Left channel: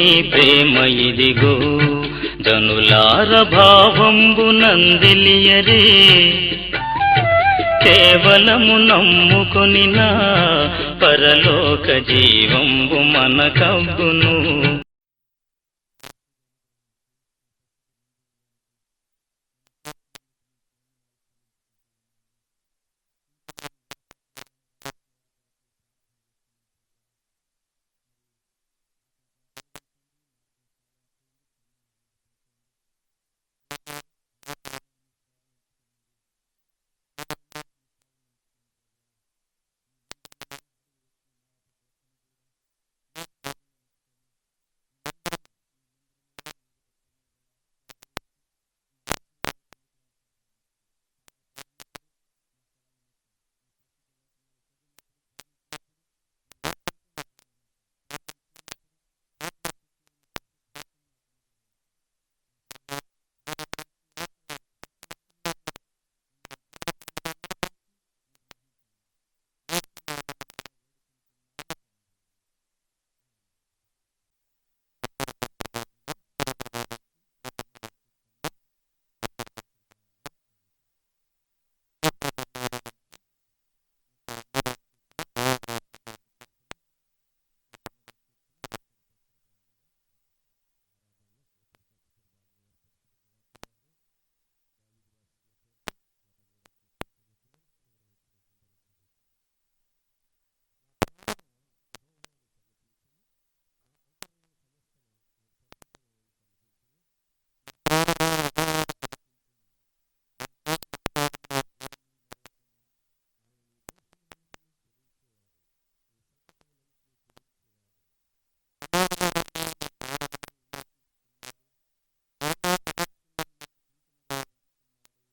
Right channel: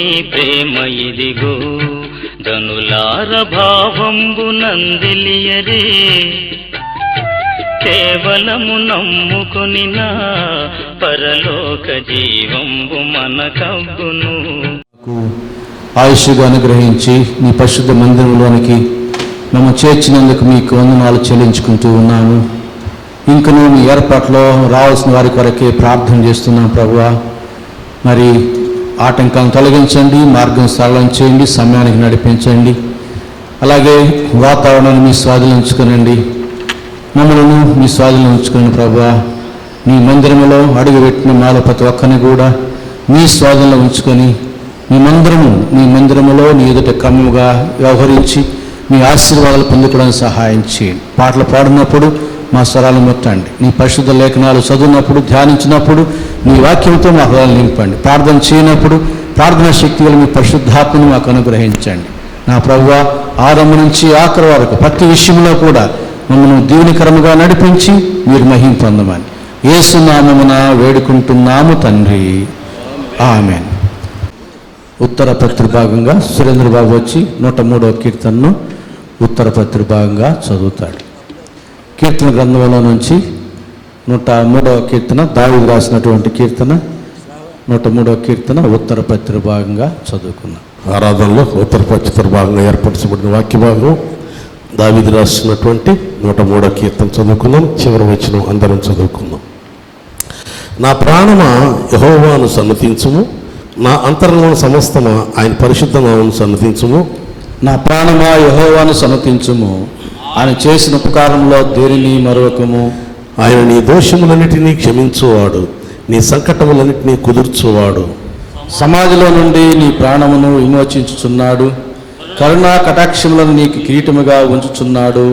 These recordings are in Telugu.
నీ ప్రేమ ఇదిగో ధనులార భావంబు నందిలియరే కేవలము నమ్ముకొని నా పరలోక జీవంబు మనకవ్వును. ఆయుష్గా అనుగ్రహించి మీ పరిశుద్ధ మందిరంలోనికి మేము చేర్చినందుకు మీకు వందనాలు చెల్లించుకుంటూ ఉన్నాము. ఇంకనూ మీ ఏర్పాట్లో రావాల్సిన వారి కొరకే ప్రార్థన చేస్తున్నాం ప్రభువా. మరి ఆటంకాలను తొలగించండి, మార్గం సరళం చేయండి, సమయానికి నడిపించండి. అలాగే వాతావరణాన్ని మీ స్వాధీనం ఉంచుకునండి, మమ్మల్ని మీ స్వాధీనం ఉంచుకుని ప్రభువా. మీ మందిరంలో అడుగుపెట్టిన మాలో ప్రతి ఒక్కరిని కూడా మీ స్వాధీనంలో ఉంచుకొని మీ మందిరములో నీ ఎదుట క్రమముగా వ్యవహరించి మీ ఆశీర్వాదాలు పొందుకోవడానికి సహాయం చేయండి. పాటలు పాడినప్పుడు మా స్వరాలు ముట్టండి. నీ పరిశుద్ధ లేఖనాలు చదివినప్పుడు, ధ్యానించినప్పుడు మీ వాక్యంతో మా హృదయాలు నింపండి. ప్రార్థన చేయనప్పుడు ప్రార్థనా శక్తి వల్ల మీ పరిశుద్ధాత్మను మాకు అనుగ్రహించండి. నా ప్రభువా, ఆరంభం నుంచి ఆఖరి వరకు ప్రతి విషయంలో కూడా మమ్మల్ని దీవెనకరముగా నడిపించి మీరు మహిమ పొందమని యేసు నామమున వేడుకుంటున్నాము తండ్రి, ఆమేన్. ఉత్తర పత్రి భాగంగా సురేంద్ర బాబు వచ్చి 103వ కీర్తనను ఉత్తర పత్రి భాగంగా చదువుతాడు. కీర్తన గ్రంథంలో నుంచి 103వ కీర్తన దావీదు రాసినటువంటి కీర్తన 103వ కీర్తన ఉత్తర పత్రి భాగంగా చదువుకున్నాం. ఆరాధనలో ఉత్తర పత్రి భాగంగా ఏర్పరచబడిన వాక్య భాగం దావీదు రాసినటువంటి 103వ కీర్తన చదువుకున్నాం. చివరి వచనం అందరం చదువుకుందాం. నా ప్రాణమా యెహోవాను సన్నతించుము, నా అంతరంగం సమస్తమా ఆయన పరిశుద్ధ నామమును సన్నతించుము. నా ప్రాణమా యెహోవాను సన్నతించుము, ఆయన చేసిన ఉపకారంలో దేనిని మరొకము. ఆయన నీ దోషములన్నిటినీ క్షమించువాడు, నీ సంకటములన్నిటినీ కుదుర్చువాడు. సమాధిలో నుండి నీ ప్రాణమును విమోచించుచున్నాడు, కరుణా కటాక్షములను నీకు కిరీటముగా ఉంచుచున్నాడు.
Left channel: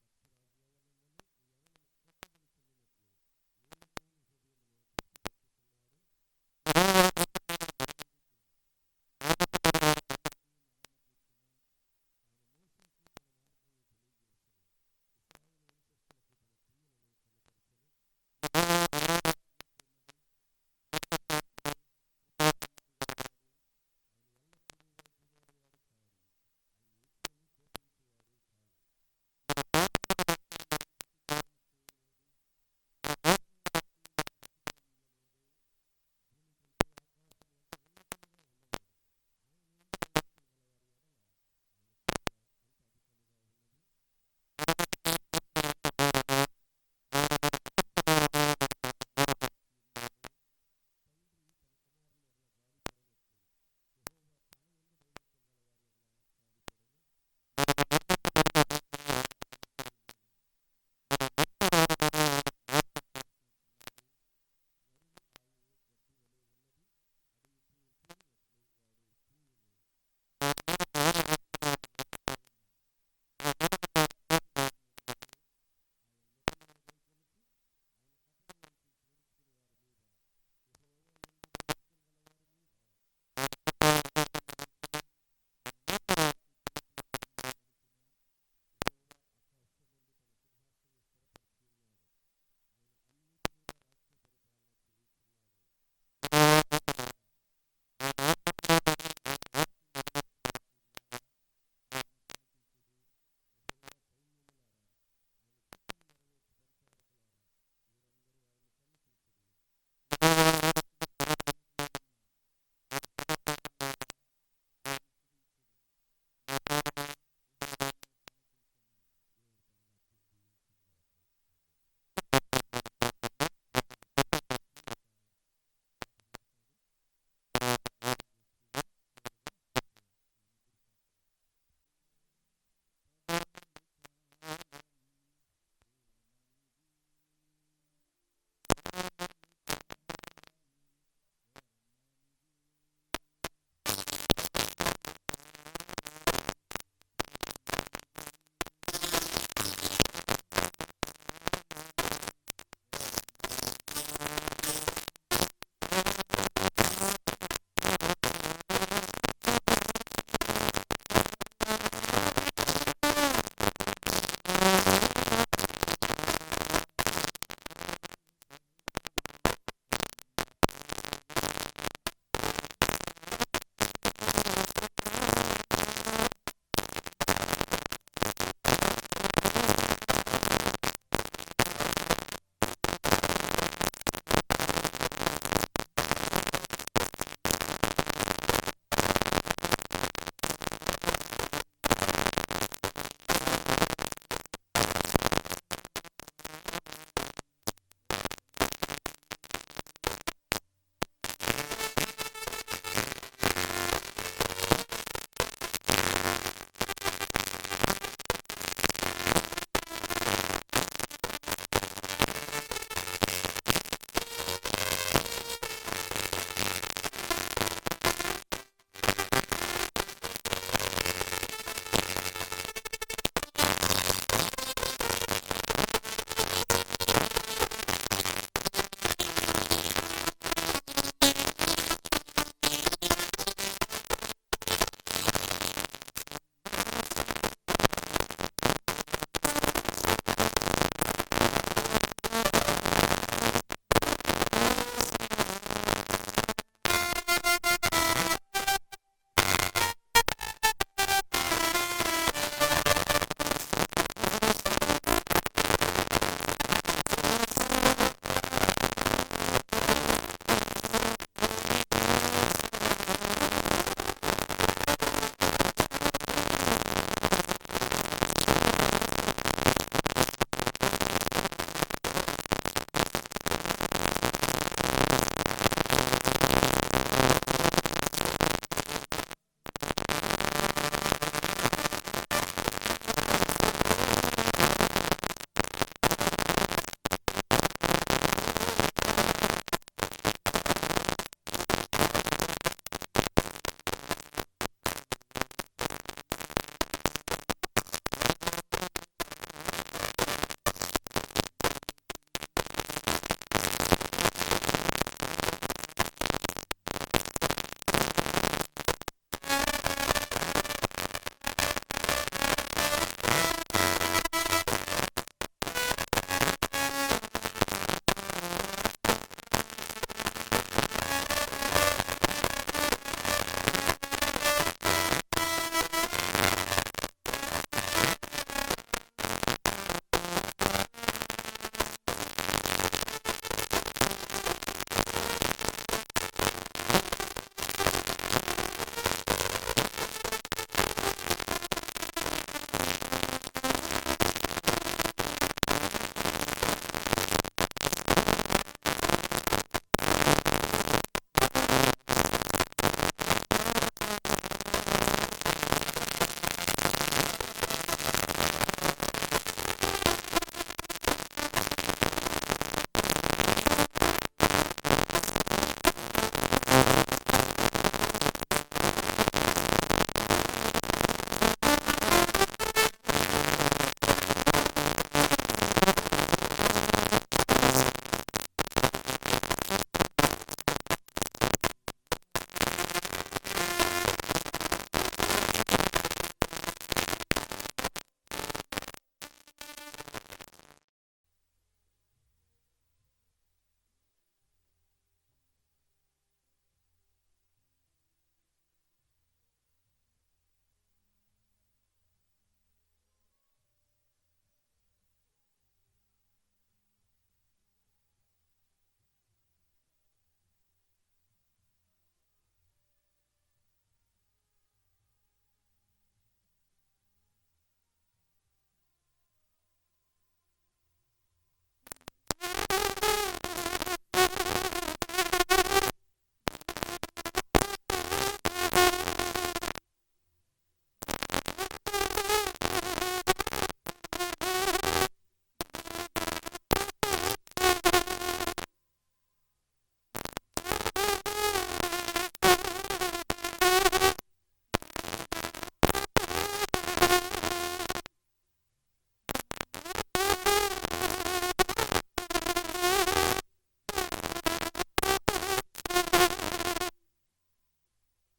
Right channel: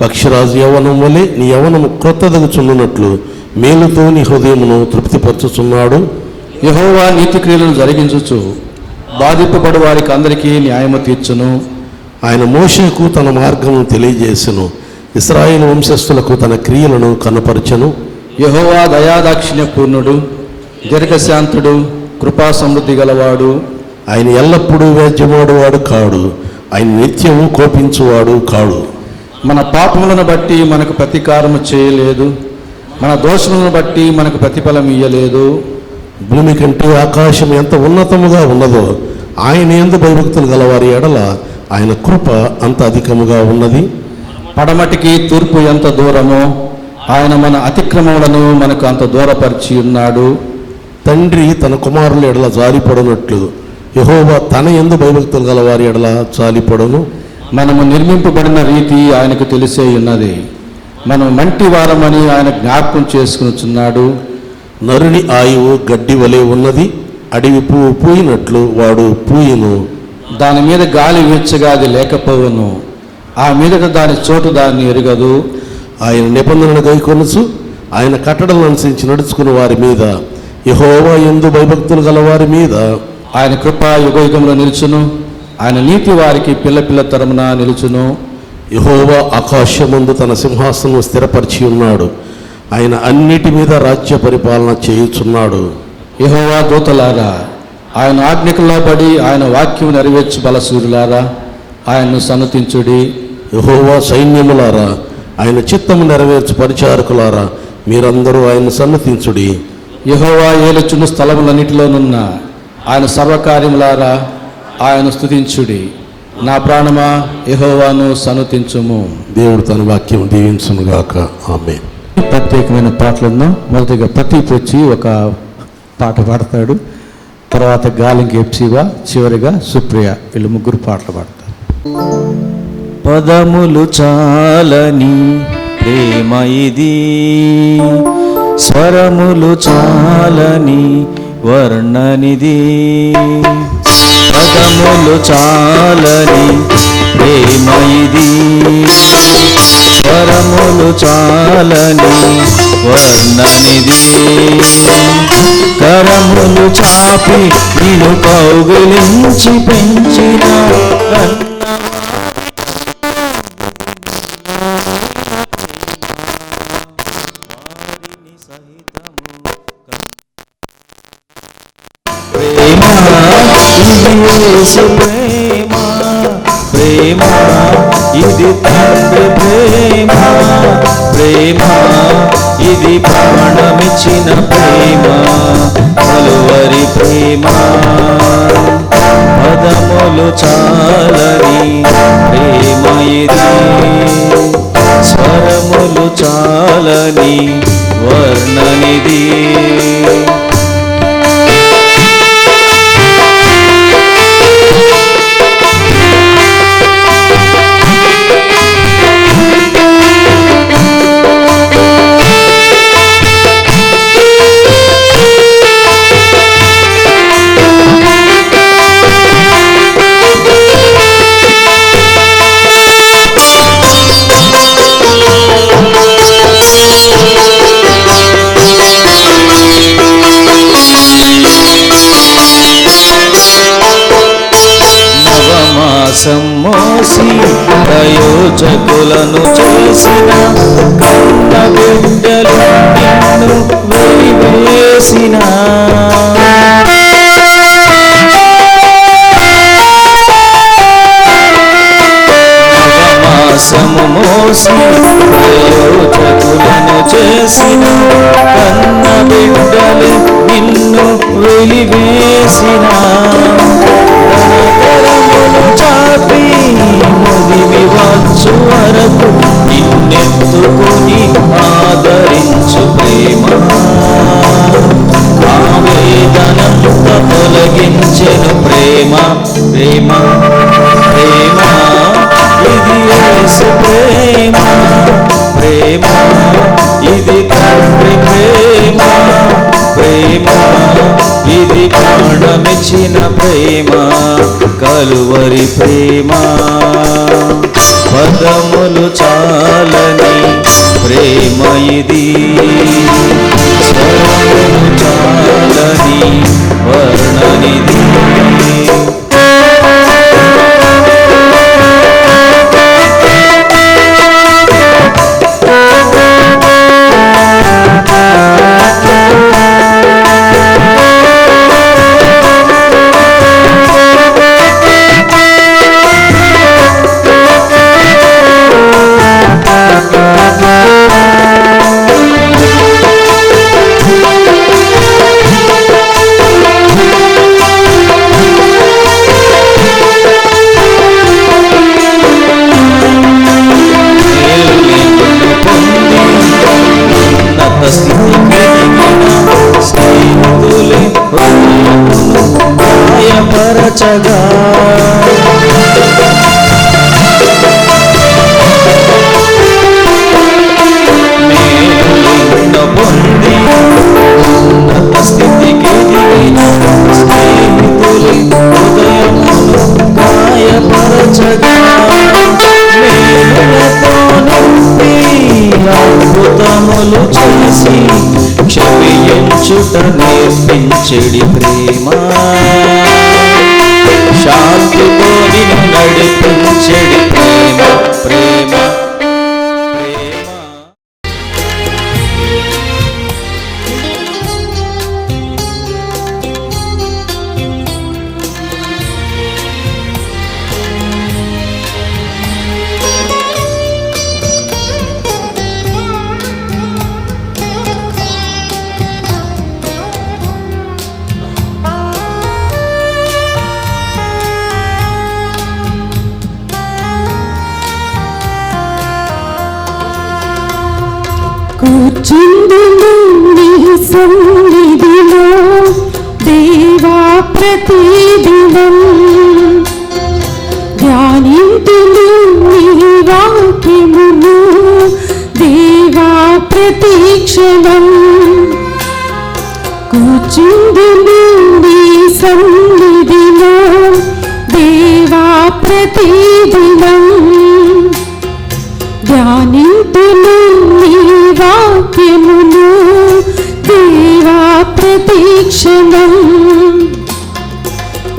పక్షిరాజు యవ్వనం వలె నీ యవ్వనము క్రొత్తదగుచున్నట్లు మేలుతో నీ హృదయమును తృప్తిపరచుచున్నాడు. యెహోవా నీతి క్రియలను జరిగించుచు బాధింపబడు వారికి అందరికీ న్యాయము తీర్చును. ఆయన మోషేకు తన మార్గమును తెలియజేసెను, ఇశ్రాయేలు వంశస్థులకు తన క్రియలను కనపరచెను. యెహోవా దయాదాక్షిణ్య పూర్ణుడు, దీర్ఘశాంతుడు, కృపా సమృద్ధి గలవాడు. ఆయన ఎల్లప్పుడూ వ్యాజ్యమాడువాడు కాడు, ఆయన నిత్యము కోపించువాడు కాడు. మన పాపములను బట్టి మనకు ప్రతీకారము చేయలేదు, మన దోషములను బట్టి మనకు ప్రతిఫలం ఇయ్యలేదు. భూమి కంటే ఆకాశం ఎంత ఉన్నతముగా ఉన్నదో ఆయన యందు భయభక్తులు గలవారి ఎడల ఆయన కృప అంత అధికముగా ఉన్నది. పడమటికి తూర్పు ఎంత దూరమో ఆయన మన అతిక్రమములను మనకు అంత దూరపరిచి ఉన్నాడు. తండ్రి తన కుమారుల ఎడల జాలిపడనట్లు యెహోవా తన యందు భయభక్తులు గలవారి ఎడల జాలిపడను. మనము నిర్మింపబడిన రీతి ఆయనకు తెలిసే ఉన్నది, మనం మంటి వారమని ఆయన జ్ఞాపకం చేసుకునిచున్నాడు. నరుని ఆయువు గడ్డి వలె ఉన్నది, అడవి పువ్వు పూయినట్లు వాడు పూయను. దాని మీద గాలి వీచగా అది లేకపోవను, ఆ మీదట దాని చోటు దాన్ని ఎరుగదు. ఆయన నిబంధనను గైకొనుచు ఆయన కట్టడలను అనుసరించి నడుచుకుని వారి మీద, యెహోవా యందు భయభక్తులు గల వారి మీద ఆయన కృప యుగయుగంలో నిలుచును, ఆయన నీతి వారికి పిల్ల పిల్ల తరమున నిలుచును. యెహోవా ఆకాశమందు తన సింహాసనం స్థిరపరిచి ఉన్నాడు, ఆయన అన్నిటి మీద రాజ్య పరిపాలన చేయుచున్నాడు. యెహోవా దూతలారా ఆయన ఆజ్ఞకుల్లో పడి ఆయన వాక్యం నెరవేర్చు బలసూరులారా ఆయన్ను సన్నతించుడి. యెహోవా సైన్యములారా ఆయన చిత్తము నెరవేర్చు పరిచారకులారా మీరందరూ ఆయన సన్నతించుడి. యెహోవా ఏలుచున్న స్థలములన్నిటిలోనున్న ఆయన సర్వకార్యములారా ఆయన స్తుతించుడి. నా ప్రాణమా యెహోవాను సన్నతించుము. దేవుడు తన వాక్యం దీవించునుగాక. ఆమేన్. ప్రత్యేకమైన పాటలున్నాం. మొదటిగా ప్రతీప్ వచ్చి ఒక పాట పాడతాడు, తర్వాత గాలింకి ఎప్సివా, చివరిగా సుప్రియ, వీళ్ళు ముగ్గురు పాటలు పాడతారు. పదములు చాలని ప్రేమ ఇది, స్వరములు చాలని వర్ణనిది. పదములు చాలని ప్రేమ ఇది, స్వరములు చాలని వర్ణనిది. కరములు చాపి నిన్ను కౌగిలించి పెంచిన ప్రేమ ఇది యేసు ప్రేమ ప్రేమ ఇది తండ్రి ప్రేమ ప్రేమ ఇది ప్రాణమిచ్చిన ప్రేమ కలువరి ప్రేమ పదములు చాలని ప్రేమ ఇది స్వరములు చాలని వర్ణనిది మోసి ప్రయోజకులను చేసిన కన్న బిడ్డలు నిన్ను వెలివేసిన నవమాసము మోసి ప్రయోజకులను చేసిన కన్న బిడ్డలు నిన్ను వెలివేసిన వచ్చు వరకు నిన్నెత్తుకుని ఆదరించు ప్రేమ ఆవేదనంత తొలగించెను ప్రేమ ప్రేమ ప్రేమ ఇది యేసు ప్రేమ ప్రేమ ఇది తండ్రి ప్రేమ ప్రేమ ఇది ప్రాణమిచ్చిన ప్రేమ కలువరి ప్రేమ పదములు చాలని ప్రేమ ఇది స్వరములు చాలని వర్ణనిది గాయపరచగా మేలును పొంది ఉన్నత స్థితికి దిగిన స్నేహితులు హృదయమును గాయపరచగా మేలులతో నింపి అద్భుతములు చేసి క్షమించుట నేర్పించెడి ప్రేమ శాంతితో నిన్ను నడిపించెడి ప్రేమ ప్రేమ ప్రేమ కూర్చుందును నీ సన్నిధిలో దేవా ప్రతిదినం ధ్యానింతును నీ వాక్యమును దేవా ప్రతిక్షణం కూర్చుందును నీ సన్నిధిలో దేవా ప్రతిదినం ధ్యానింతును నీ వాక్యమును దేవా ప్రతిక్షణం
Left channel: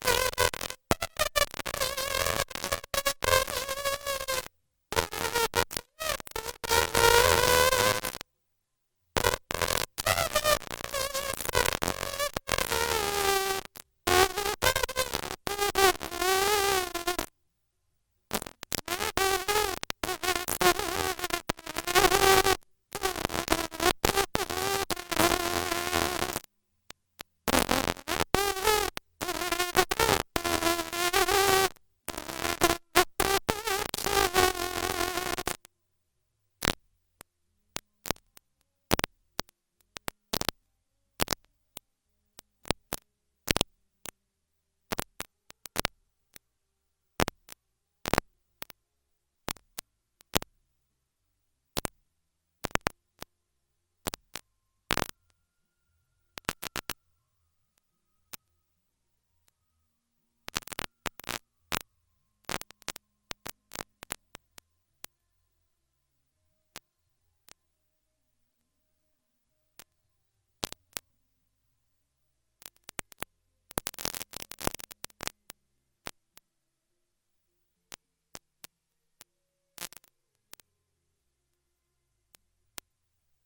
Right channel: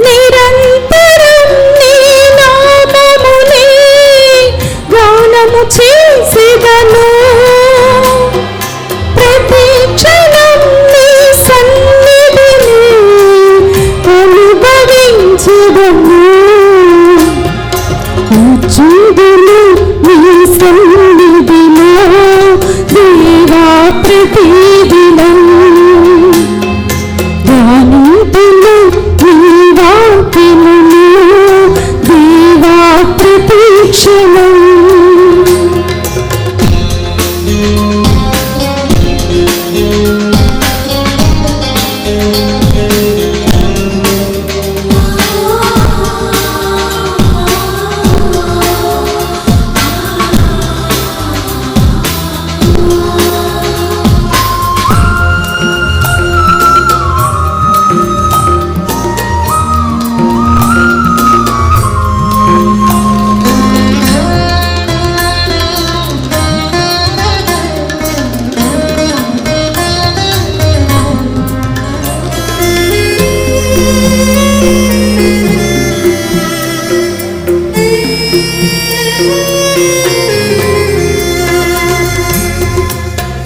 నిరంతరం నీ నామమునే గానము చేసెదను ప్రతిక్షణం నీ సన్నిధిని అనుభవించెదను ధ్యానింతును నీ సన్నిధిలో దేవా ప్రతిదినం. ధ్యానింతును నీ వాక్యమును దేవా ప్రతిక్షణం.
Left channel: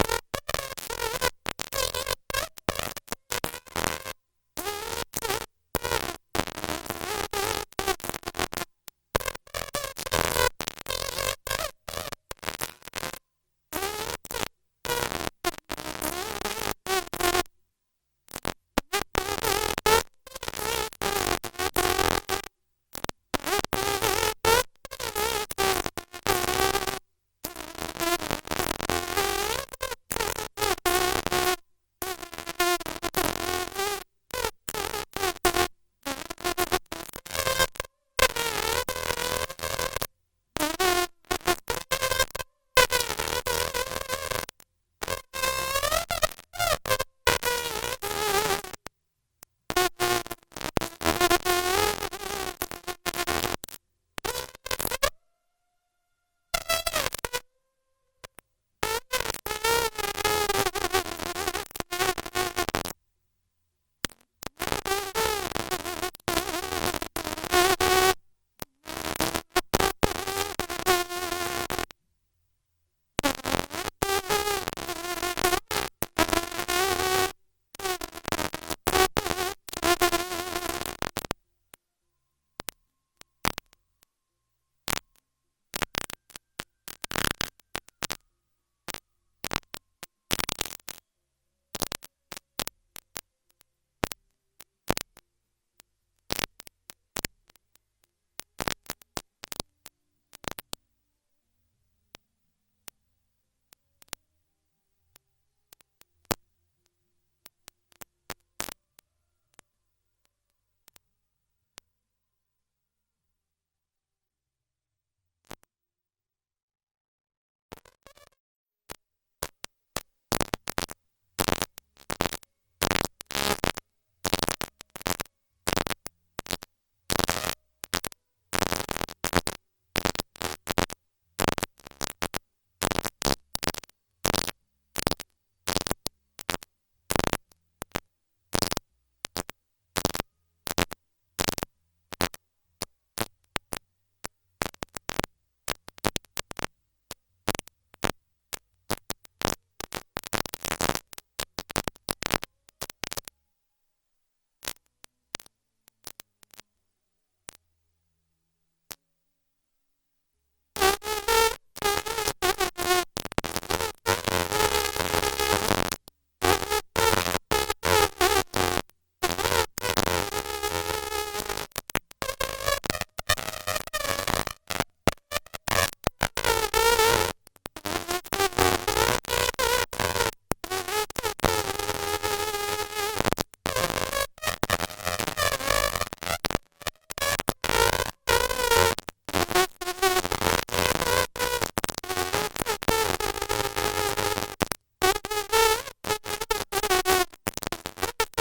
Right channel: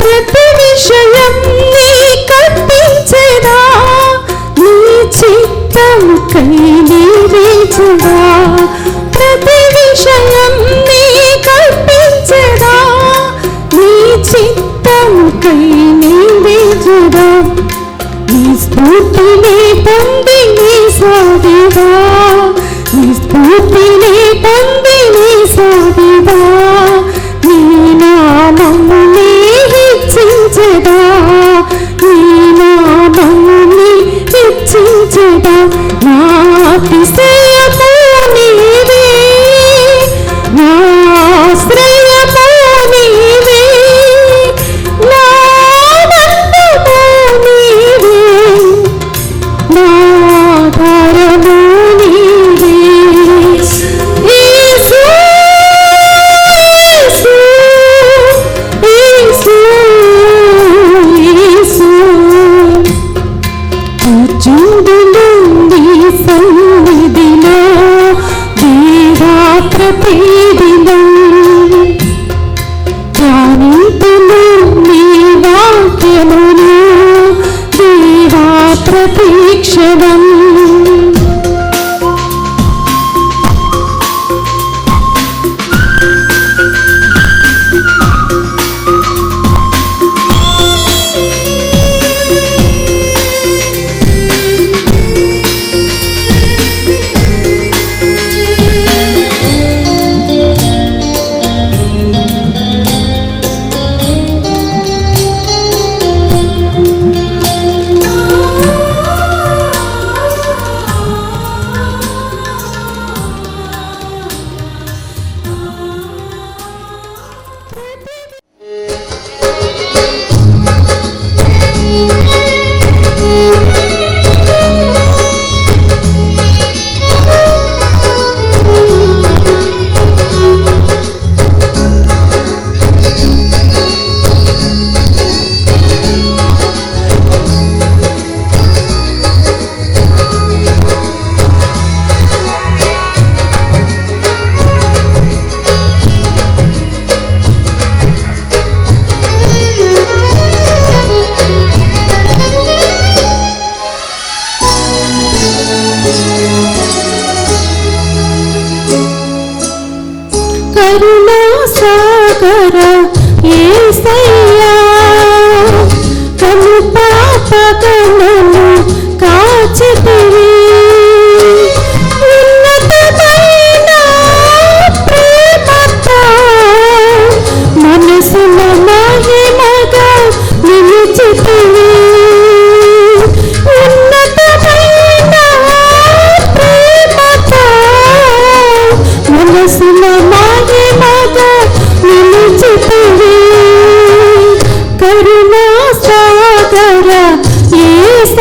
ప్రతి విషయం నీ కల్పించెదా, నీ చిత్తముకై నెరవేర్చెదా. ప్రతి విషయం నీ కల్పించెదా, నీ చిత్తముకై నెరవేర్చెదా. నీ స్ఫూర్తిని పొంది నీ సాధివా, నీ స్ఫూర్తిని పొంది నీ సాధివా. నీ నామమునే హెచ్చించెదా, నీ నామమునే హెచ్చించెదా. నా అతిశయము నీవే, నా ఆశ్రయము నీవే, నా ఆనందము నీవే, నా ఆధారము నీవే. యేసు, యేసు, యేసు, కూర్చుందును నీ సన్నిధిలో దేవా ప్రతిదినం. ధ్యానింతును నీ వాక్యమును దేవా ప్రతిక్షణం. కరుణా సాగర యేసయ్యా, కను పాపగణను కాచితివి. ఉన్నతమైన ప్రేమతో మనసున మహిమగా నిలిచితివి. ఉన్నతమైన ప్రేమతో మనసున మహిమగా నిలిచితివి. కరుణా సాగర యేసయ్యా,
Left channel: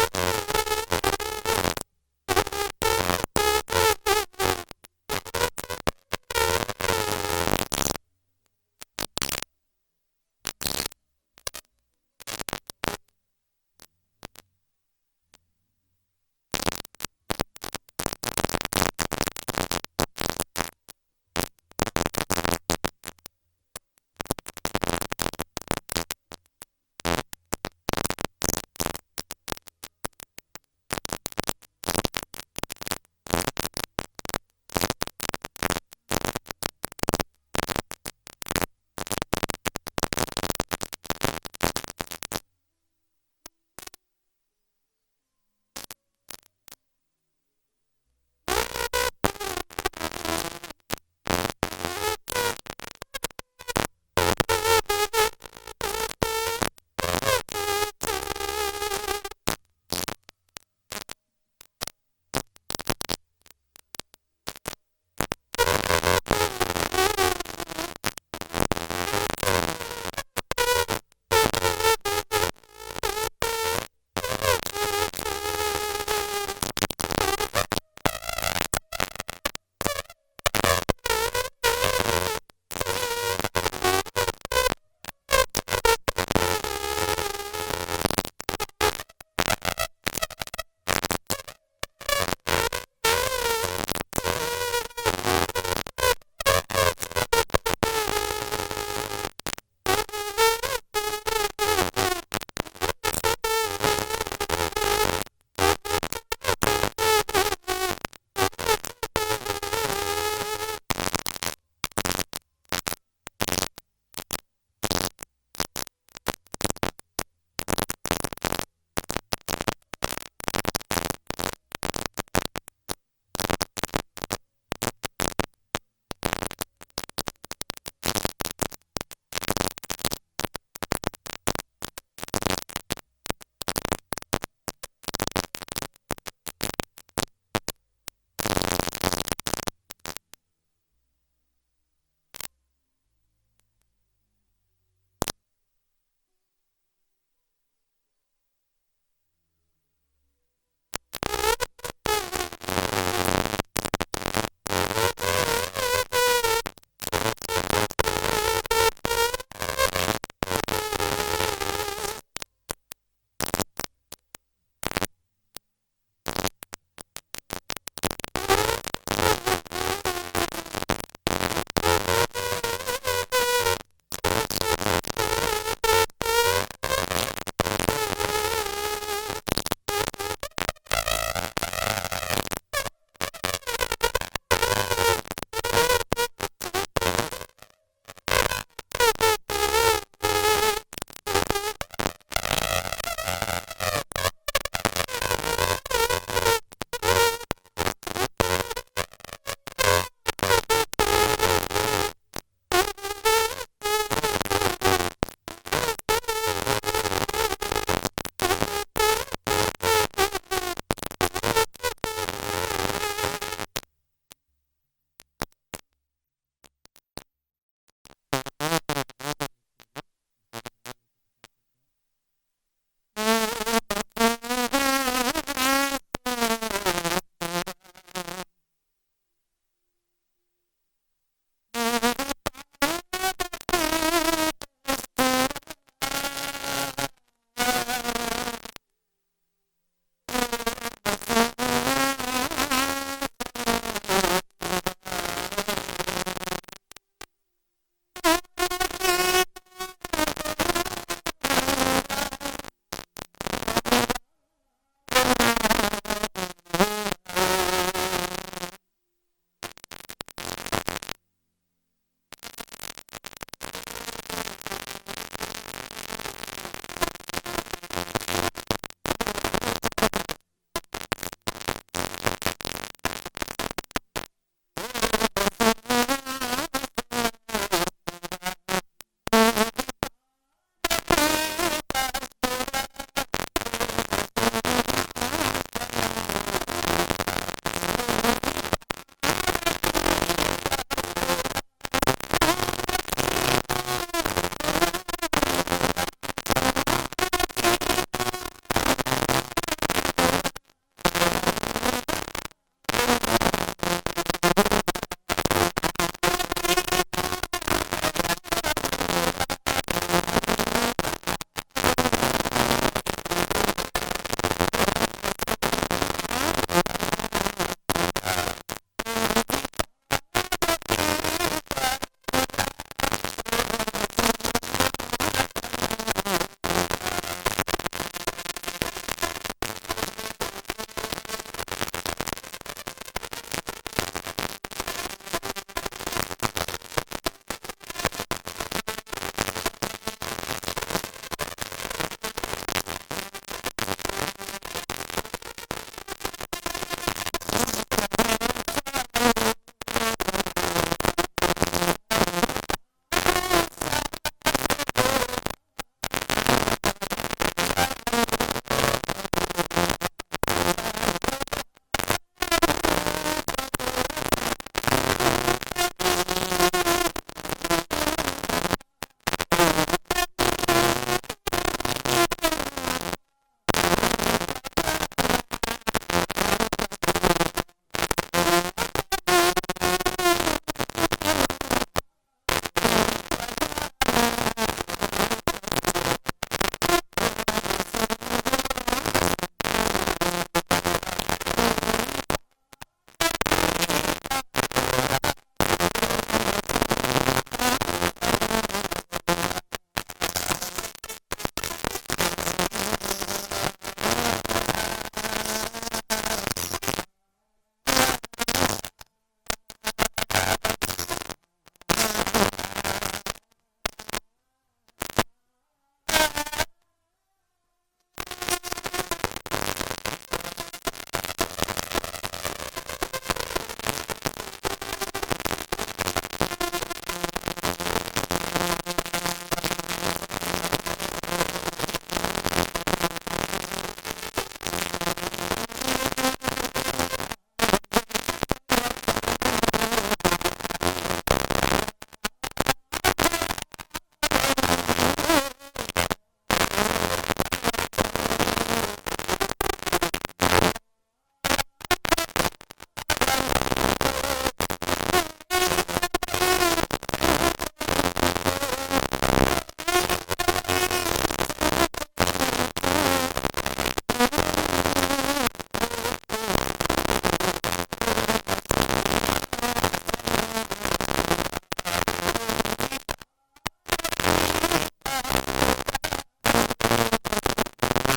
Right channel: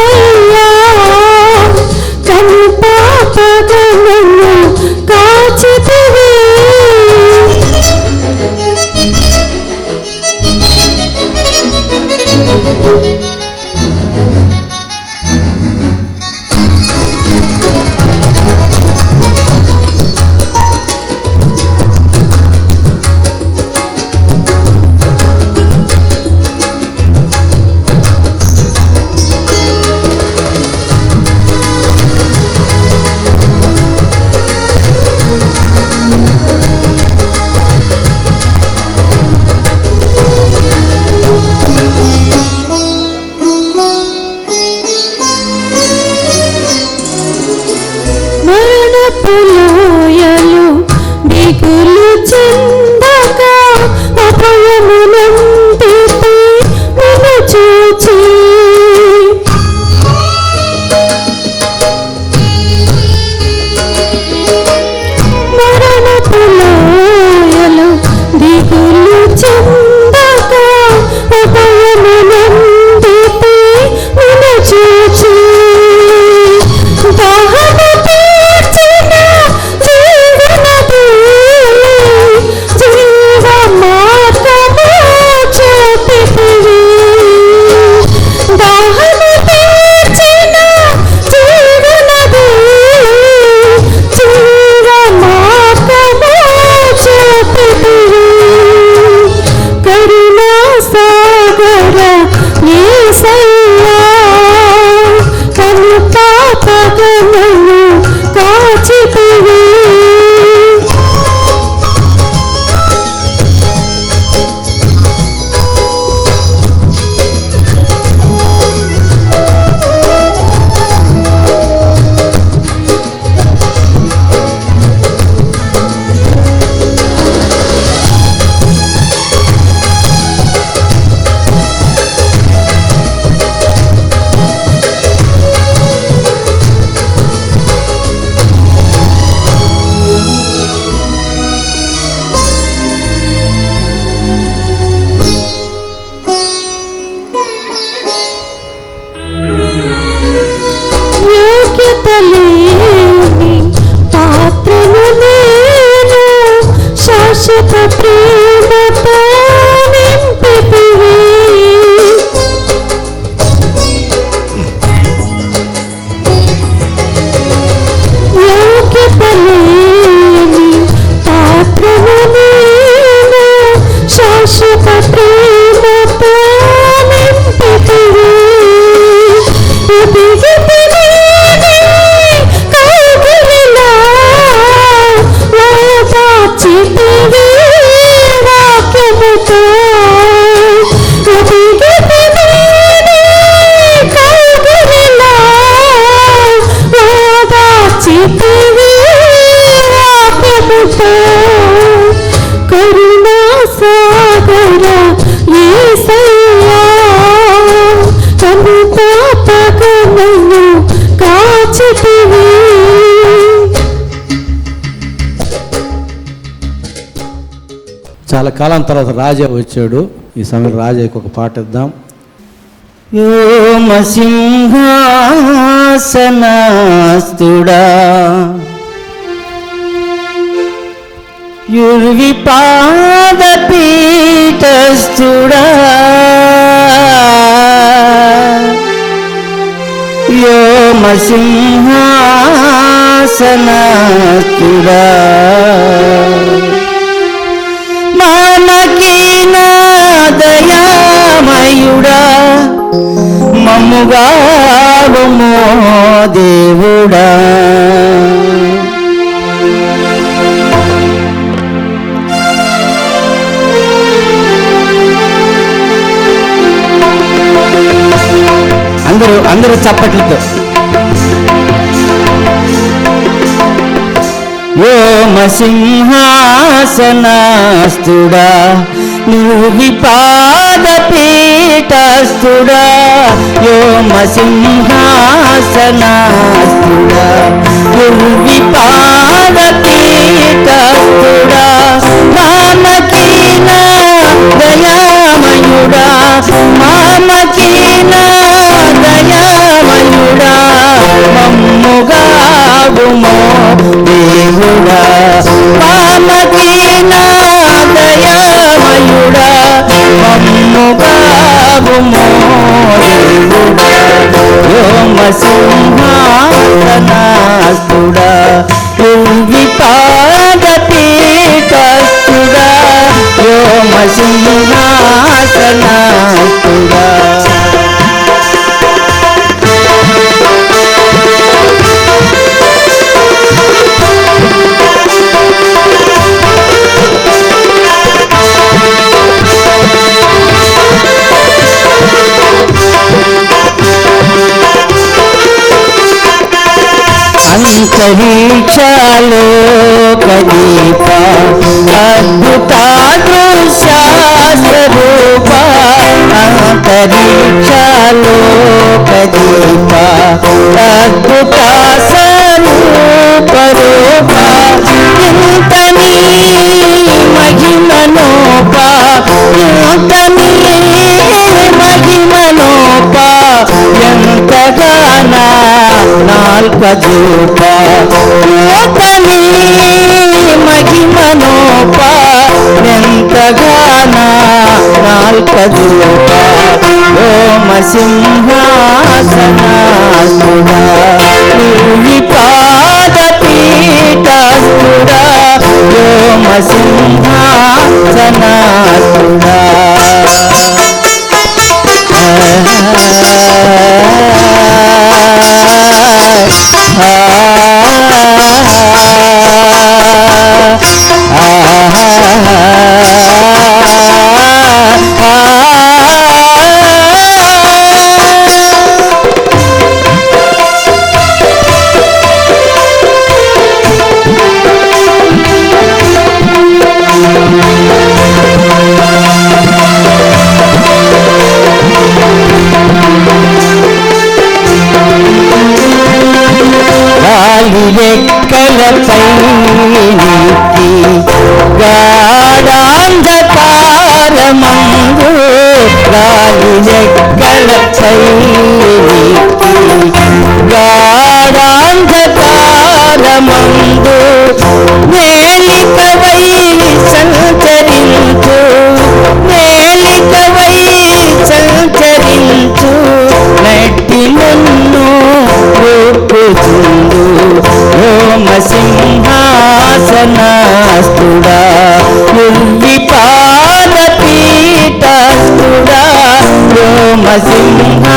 చెందక అభయమునందితే నిన్ను చూచి మరణపు లోయలో దిగులు చెందక అభయమునందితే నిన్ను చూచి దాహము తీర్చిన జీవనది జీవ మార్గము చూపితివి దాహము తీర్చిన జీవనది జీవ మార్గము చూపితివి కరుణా సాగర యేసయ్యా కను పాపగమను కాచితివి యోగ్యత లేని పాత్రను నేను శాశ్వత ప్రేమతో నింపితివి యోగ్యత లేని పాత్రను నేను శాశ్వత ప్రేమతో నింపితివి కరుణా సాగర యేసయ్యా కను పాపగమను కాచితివి చాలా కాలం తర్వాత రాజా వచ్చాడు. ఈ సమయం రాజాకి ఒక పాట ఇద్దాం. సింహాసనాస్తుడా యుర్వి పాదపీఠస్థుడా సింహాసనాస్తుడా మానకీన దయామయుడా మమ్ముగావుమో దేవుడా అందరూ చప్పట్లతో సింహాసనాస్తుడా నువ్వి పాదపీఠస్థుడా సింహాసనాస్తుడా నువ్వి పాదపీఠస్థుడా మామకీన దయామయుడా మామకీన దయామయుడా మమ్ముగావుమో దేవుడా మామకీన దయామయుడా మమ్ముగావుమో దేవుడా సింహాసనాస్తుడా యువి పాదపీఠస్థుడా సింహాసనాస్తుడా అంతరిక్షాలో కదీప స్వరూపరూప ఇంత నీ మహిమనోప ఇంత నీ మహిమనోప ఎంతగానా నాల్పజూప ఇంత నీ మహిమనోప ఎంతగానా నాల్పజూప ఓమ సింహాసనాసుడా నీవి పాదపీఠస్థుడా ఓమ సింహాసనాసుడా రెక్కలపై నీకి గాఢాంధకారమందు గాలి రెక్కలపై నీకి గాఢాంధకారమందు మేలికవై సంచరించు మేలికవై సంచరించు నట్టి నన్ను రూపుచుండు ఓమ సింహాసనాస్తుడా నువ్వి పాదపీఠస్థుడా ఓమ సింహాసనాస్తుడా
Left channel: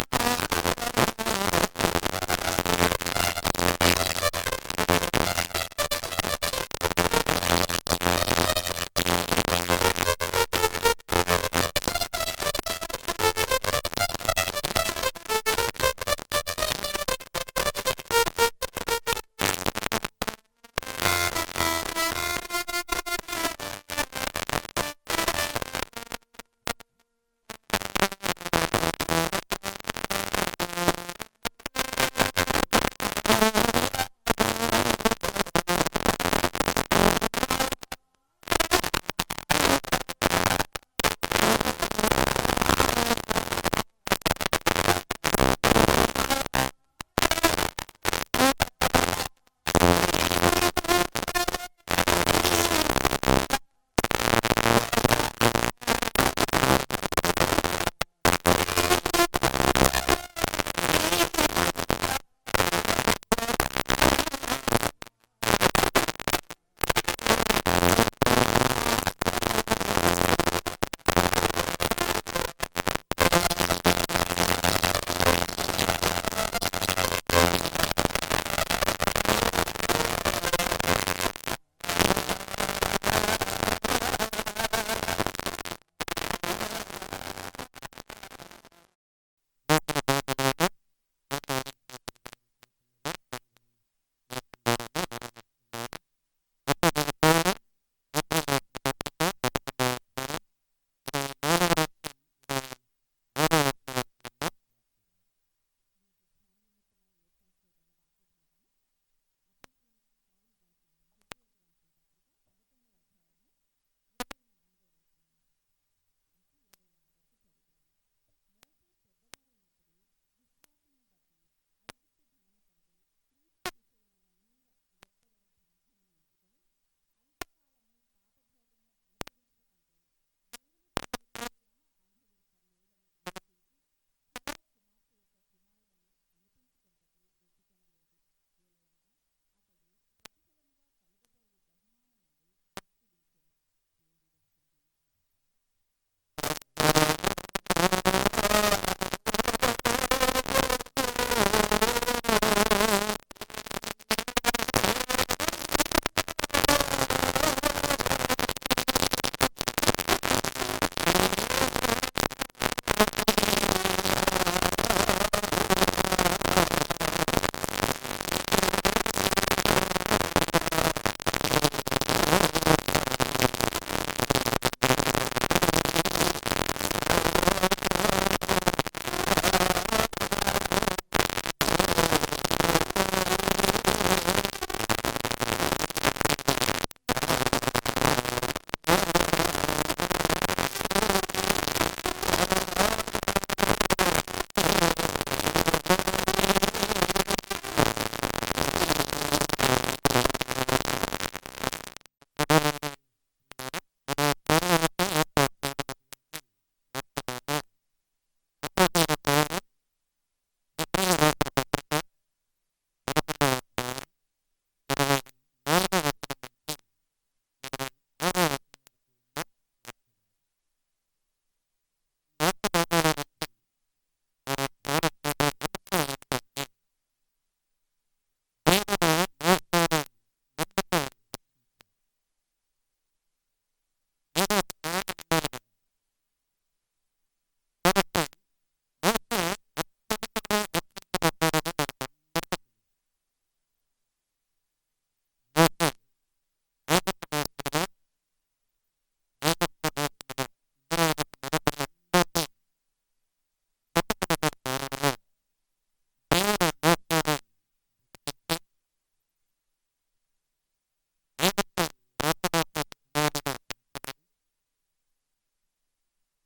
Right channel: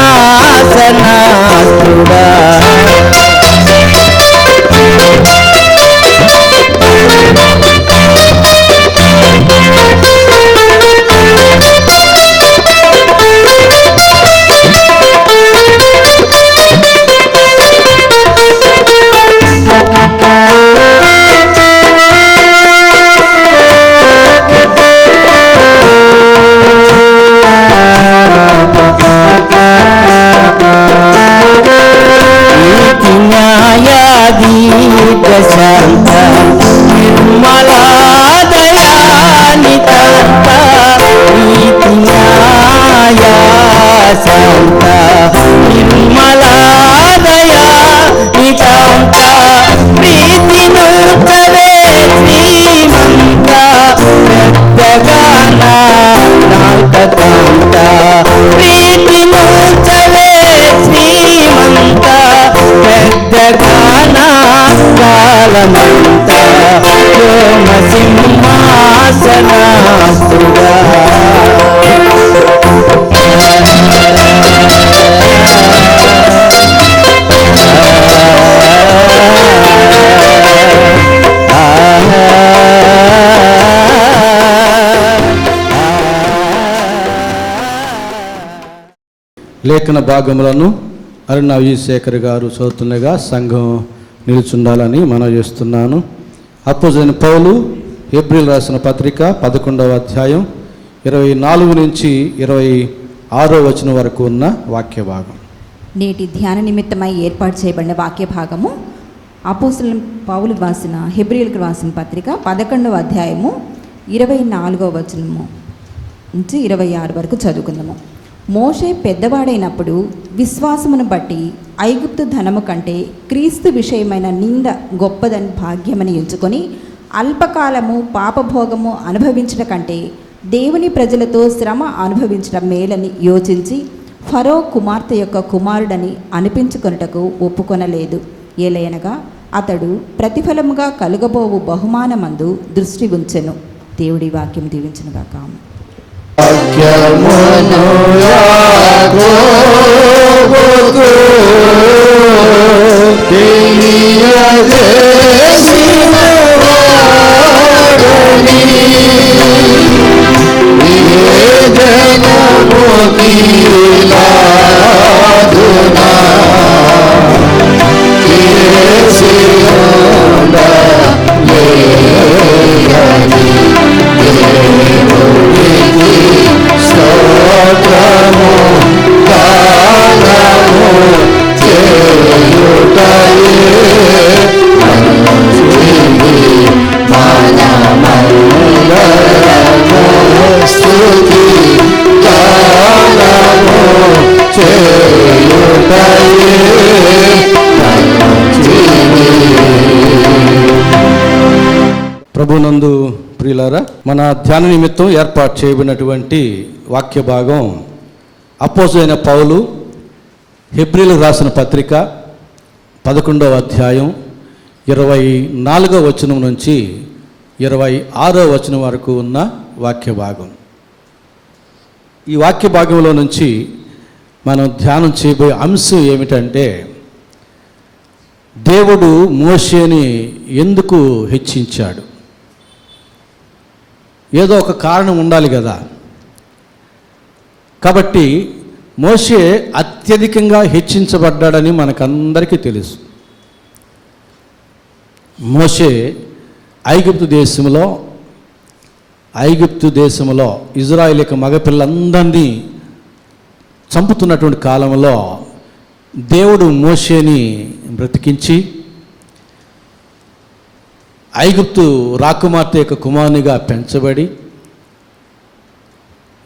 శాంత నిర్మలాదయానితాంత నీతి న్యాయ శాంత నిర్మలాదయానితాంత ప్రీతి నూతవే శ్రీమంత పెద్దగాన నాల్కతాంత ప్రీతి నూతవే శ్రీమంత పెద్దగాన కాలమంతా ఓమ సింహాసనాస్తుడా లేఖన భాగములను అరుణ విజయశేఖర్ గారు చదువుతుండగా సంఘం నిలుచుండాలని మనవి చేస్తున్నాను. అపోస్తలుడైన పౌలు హెబ్రీయులకు రాసిన పత్రిక 11వ అధ్యాయం 24 నుంచి 26వ వచనం వరకు ఉన్న వాక్య భాగం. నేటి ధ్యాన నిమిత్తమై ఏర్పాటు చేయబడిన వాక్య భాగము అపోస్తలుడైన పౌలు రాసిన హెబ్రీయులకు రాసిన పత్రిక 11వ అధ్యాయము 24వ వచనము నుంచి 26 వరకు చదువుకుందాము. మోషే పెద్దవాడైనప్పుడు విశ్వాసమును బట్టి ఐగుప్తు ధనము కంటే క్రీస్తు విషయమైన నింద గొప్పదని భాగ్యమని ఎంచుకొని అల్పకాలము పాపభోగము అనుభవించడం కంటే దేవుని ప్రజలతో శ్రమ అనుభవించడం మేలని యోచించి ఫరో కుమార్తె యొక్క కుమారుడని అనిపించుకొనుటకు ఒప్పుకొనలేదు. ఏలయనగా అతడు ప్రతిఫలముగా కలుగబోవు బహుమానమందు దృష్టి ఉంచెను. దేవుడి వాక్యం దీవించునుగాక. స్తోత్రము ప్రభునందు ప్రియులారా, మన ధ్యాన నిమిత్తం ఏర్పాటు చేయబడినటువంటి వాక్య భాగం అపోస్తలుడైన పౌలు హెబ్రీయులకు రాసిన పత్రిక 11వ అధ్యాయం 24వ వచనం నుంచి 26వ వచనం వరకు ఉన్న వాక్య భాగం. ఈ వాక్య భాగంలో నుంచి మనం ధ్యానం చేయబోయే అంశం ఏమిటంటే, దేవుడు మోషేని ఎందుకు హెచ్చించాడు? ఏదో ఒక కారణం ఉండాలి కదా. కాబట్టి మోషే అత్యధికంగా హెచ్చించబడ్డాడని మనకందరికీ తెలుసు. మోషే ఐగుప్తు దేశంలో ఇజ్రాయేలీయుల మగపిల్లలందరినీ చంపుతున్నటువంటి కాలంలో దేవుడు మోషేని బ్రతికించి ఐగుప్తు రాకుమార్తె యొక్క కుమారునిగా పెంచబడి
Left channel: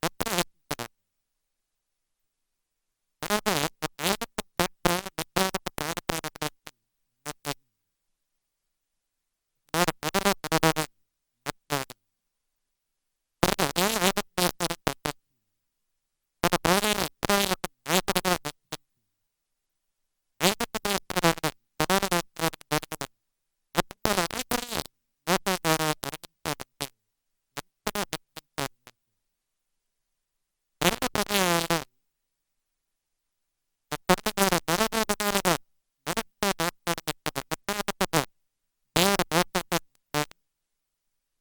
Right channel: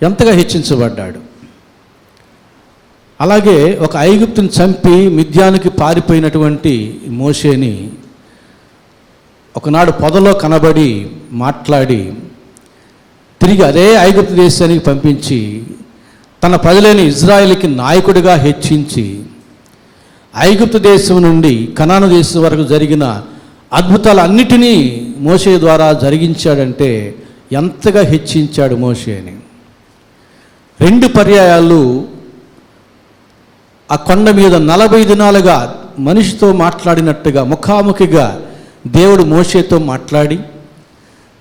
ఎంతగా హెచ్చించబడ్డాడు. అలాగే ఒక ఐగుప్తుని చంపి మిద్యానికి పారిపోయినటువంటి మోషేని ఒకనాడు పొదలో కనబడి మాట్లాడి తిరిగి అదే ఐగుప్తు దేశానికి పంపించి తన ప్రజలైన ఇజ్రాయేలుకి నాయకుడిగా హెచ్చించి ఐగుప్తు దేశం నుండి కనాను దేశం వరకు జరిగిన అద్భుతాలన్నిటినీ మోషే ద్వారా జరిగించాడంటే ఎంతగా హెచ్చించాడు మోషేని. 2 పర్యాయాలు ఆ కొండ మీద 40 దినాలుగా మనిషితో మాట్లాడినట్టుగా ముఖాముఖిగా దేవుడు మోషేతో మాట్లాడి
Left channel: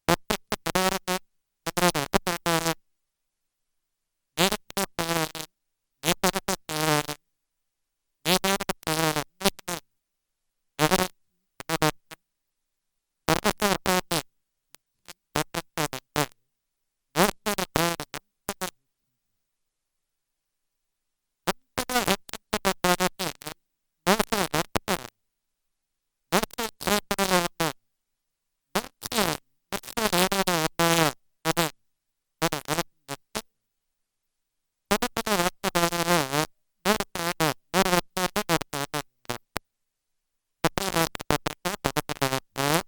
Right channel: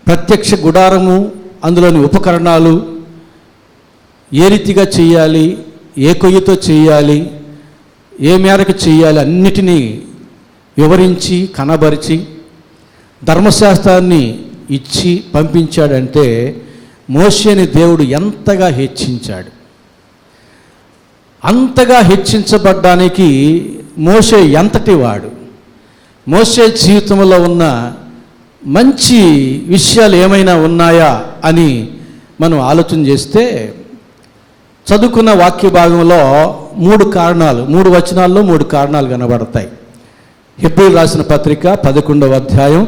ప్రత్యక్ష గుడారము, అందులోని ఉపకరణాలు ఏ రీతిగా చేయాలి, ఏ కొయ్యతో చేయాలి, ఏ మేరకు చేయాలి అన్నిటినీ వివరించి కనబరిచి ధర్మశాస్త్రాన్ని ఇచ్చి పంపించాడంటే మోషేని దేవుడు ఎంతగా హెచ్చించాడు. అంతగా హెచ్చించబడ్డానికి మోషే ఎంతటి వాడు? మోషే జీవితంలో ఉన్న మంచి విషయాలు ఏమైనా ఉన్నాయా అని మనం ఆలోచన చేస్తే చదువుకున్న వాక్య భాగంలో 3 వచనాల్లో 3 కారణాలు కనబడతాయి. హెబ్రీయులకు రాసిన పత్రిక 11వ అధ్యాయం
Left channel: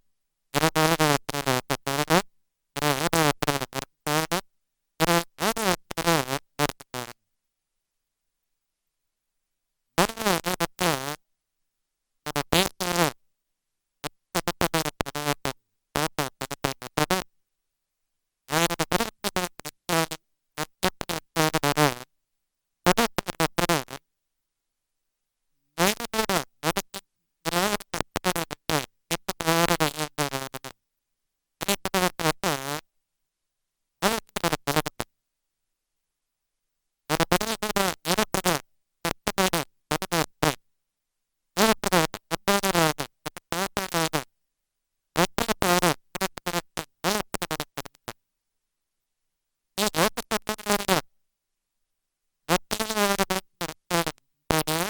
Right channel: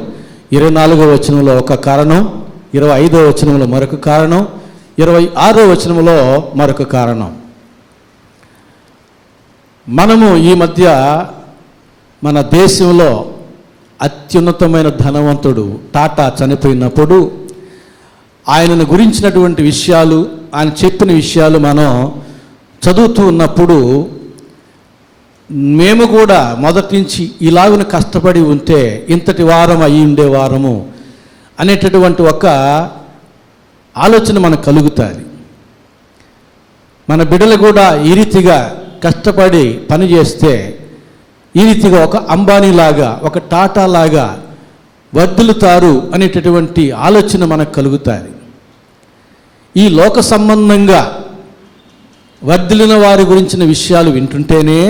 24వ వచనంలో ఒక కారణం, 25వ వచనంలో మరొక కారణం, 26వ వచనంలో మరొక కారణం. మనము ఈ మధ్య మన దేశంలో అత్యున్నతమైన ధనవంతుడు టాటా చనిపోయినప్పుడు ఆయనను గురించినటువంటి విషయాలు, ఆయన చెప్పిన విషయాలు మనం చదువుతూ ఉన్నప్పుడు మేము కూడా మొదటి నుంచి ఇలాగున కష్టపడి ఉంటే ఇంతటి వారం అయి ఉండేవారము అనేటటువంటి ఒక ఆలోచన మనకు కలుగుతుంది. మన బిడ్డలు కూడా ఈ రీతిగా కష్టపడి పని చేస్తే ఈ రీతిగా ఒక అంబానీలాగా, ఒక టాటా లాగా వర్ధిల్లుతారు అనేటటువంటి ఆలోచన మనకు కలుగుతుంది. ఈ లోక సంబంధంగా వర్ధిల్లిన వారి గురించిన విషయాలు వింటుంటేనే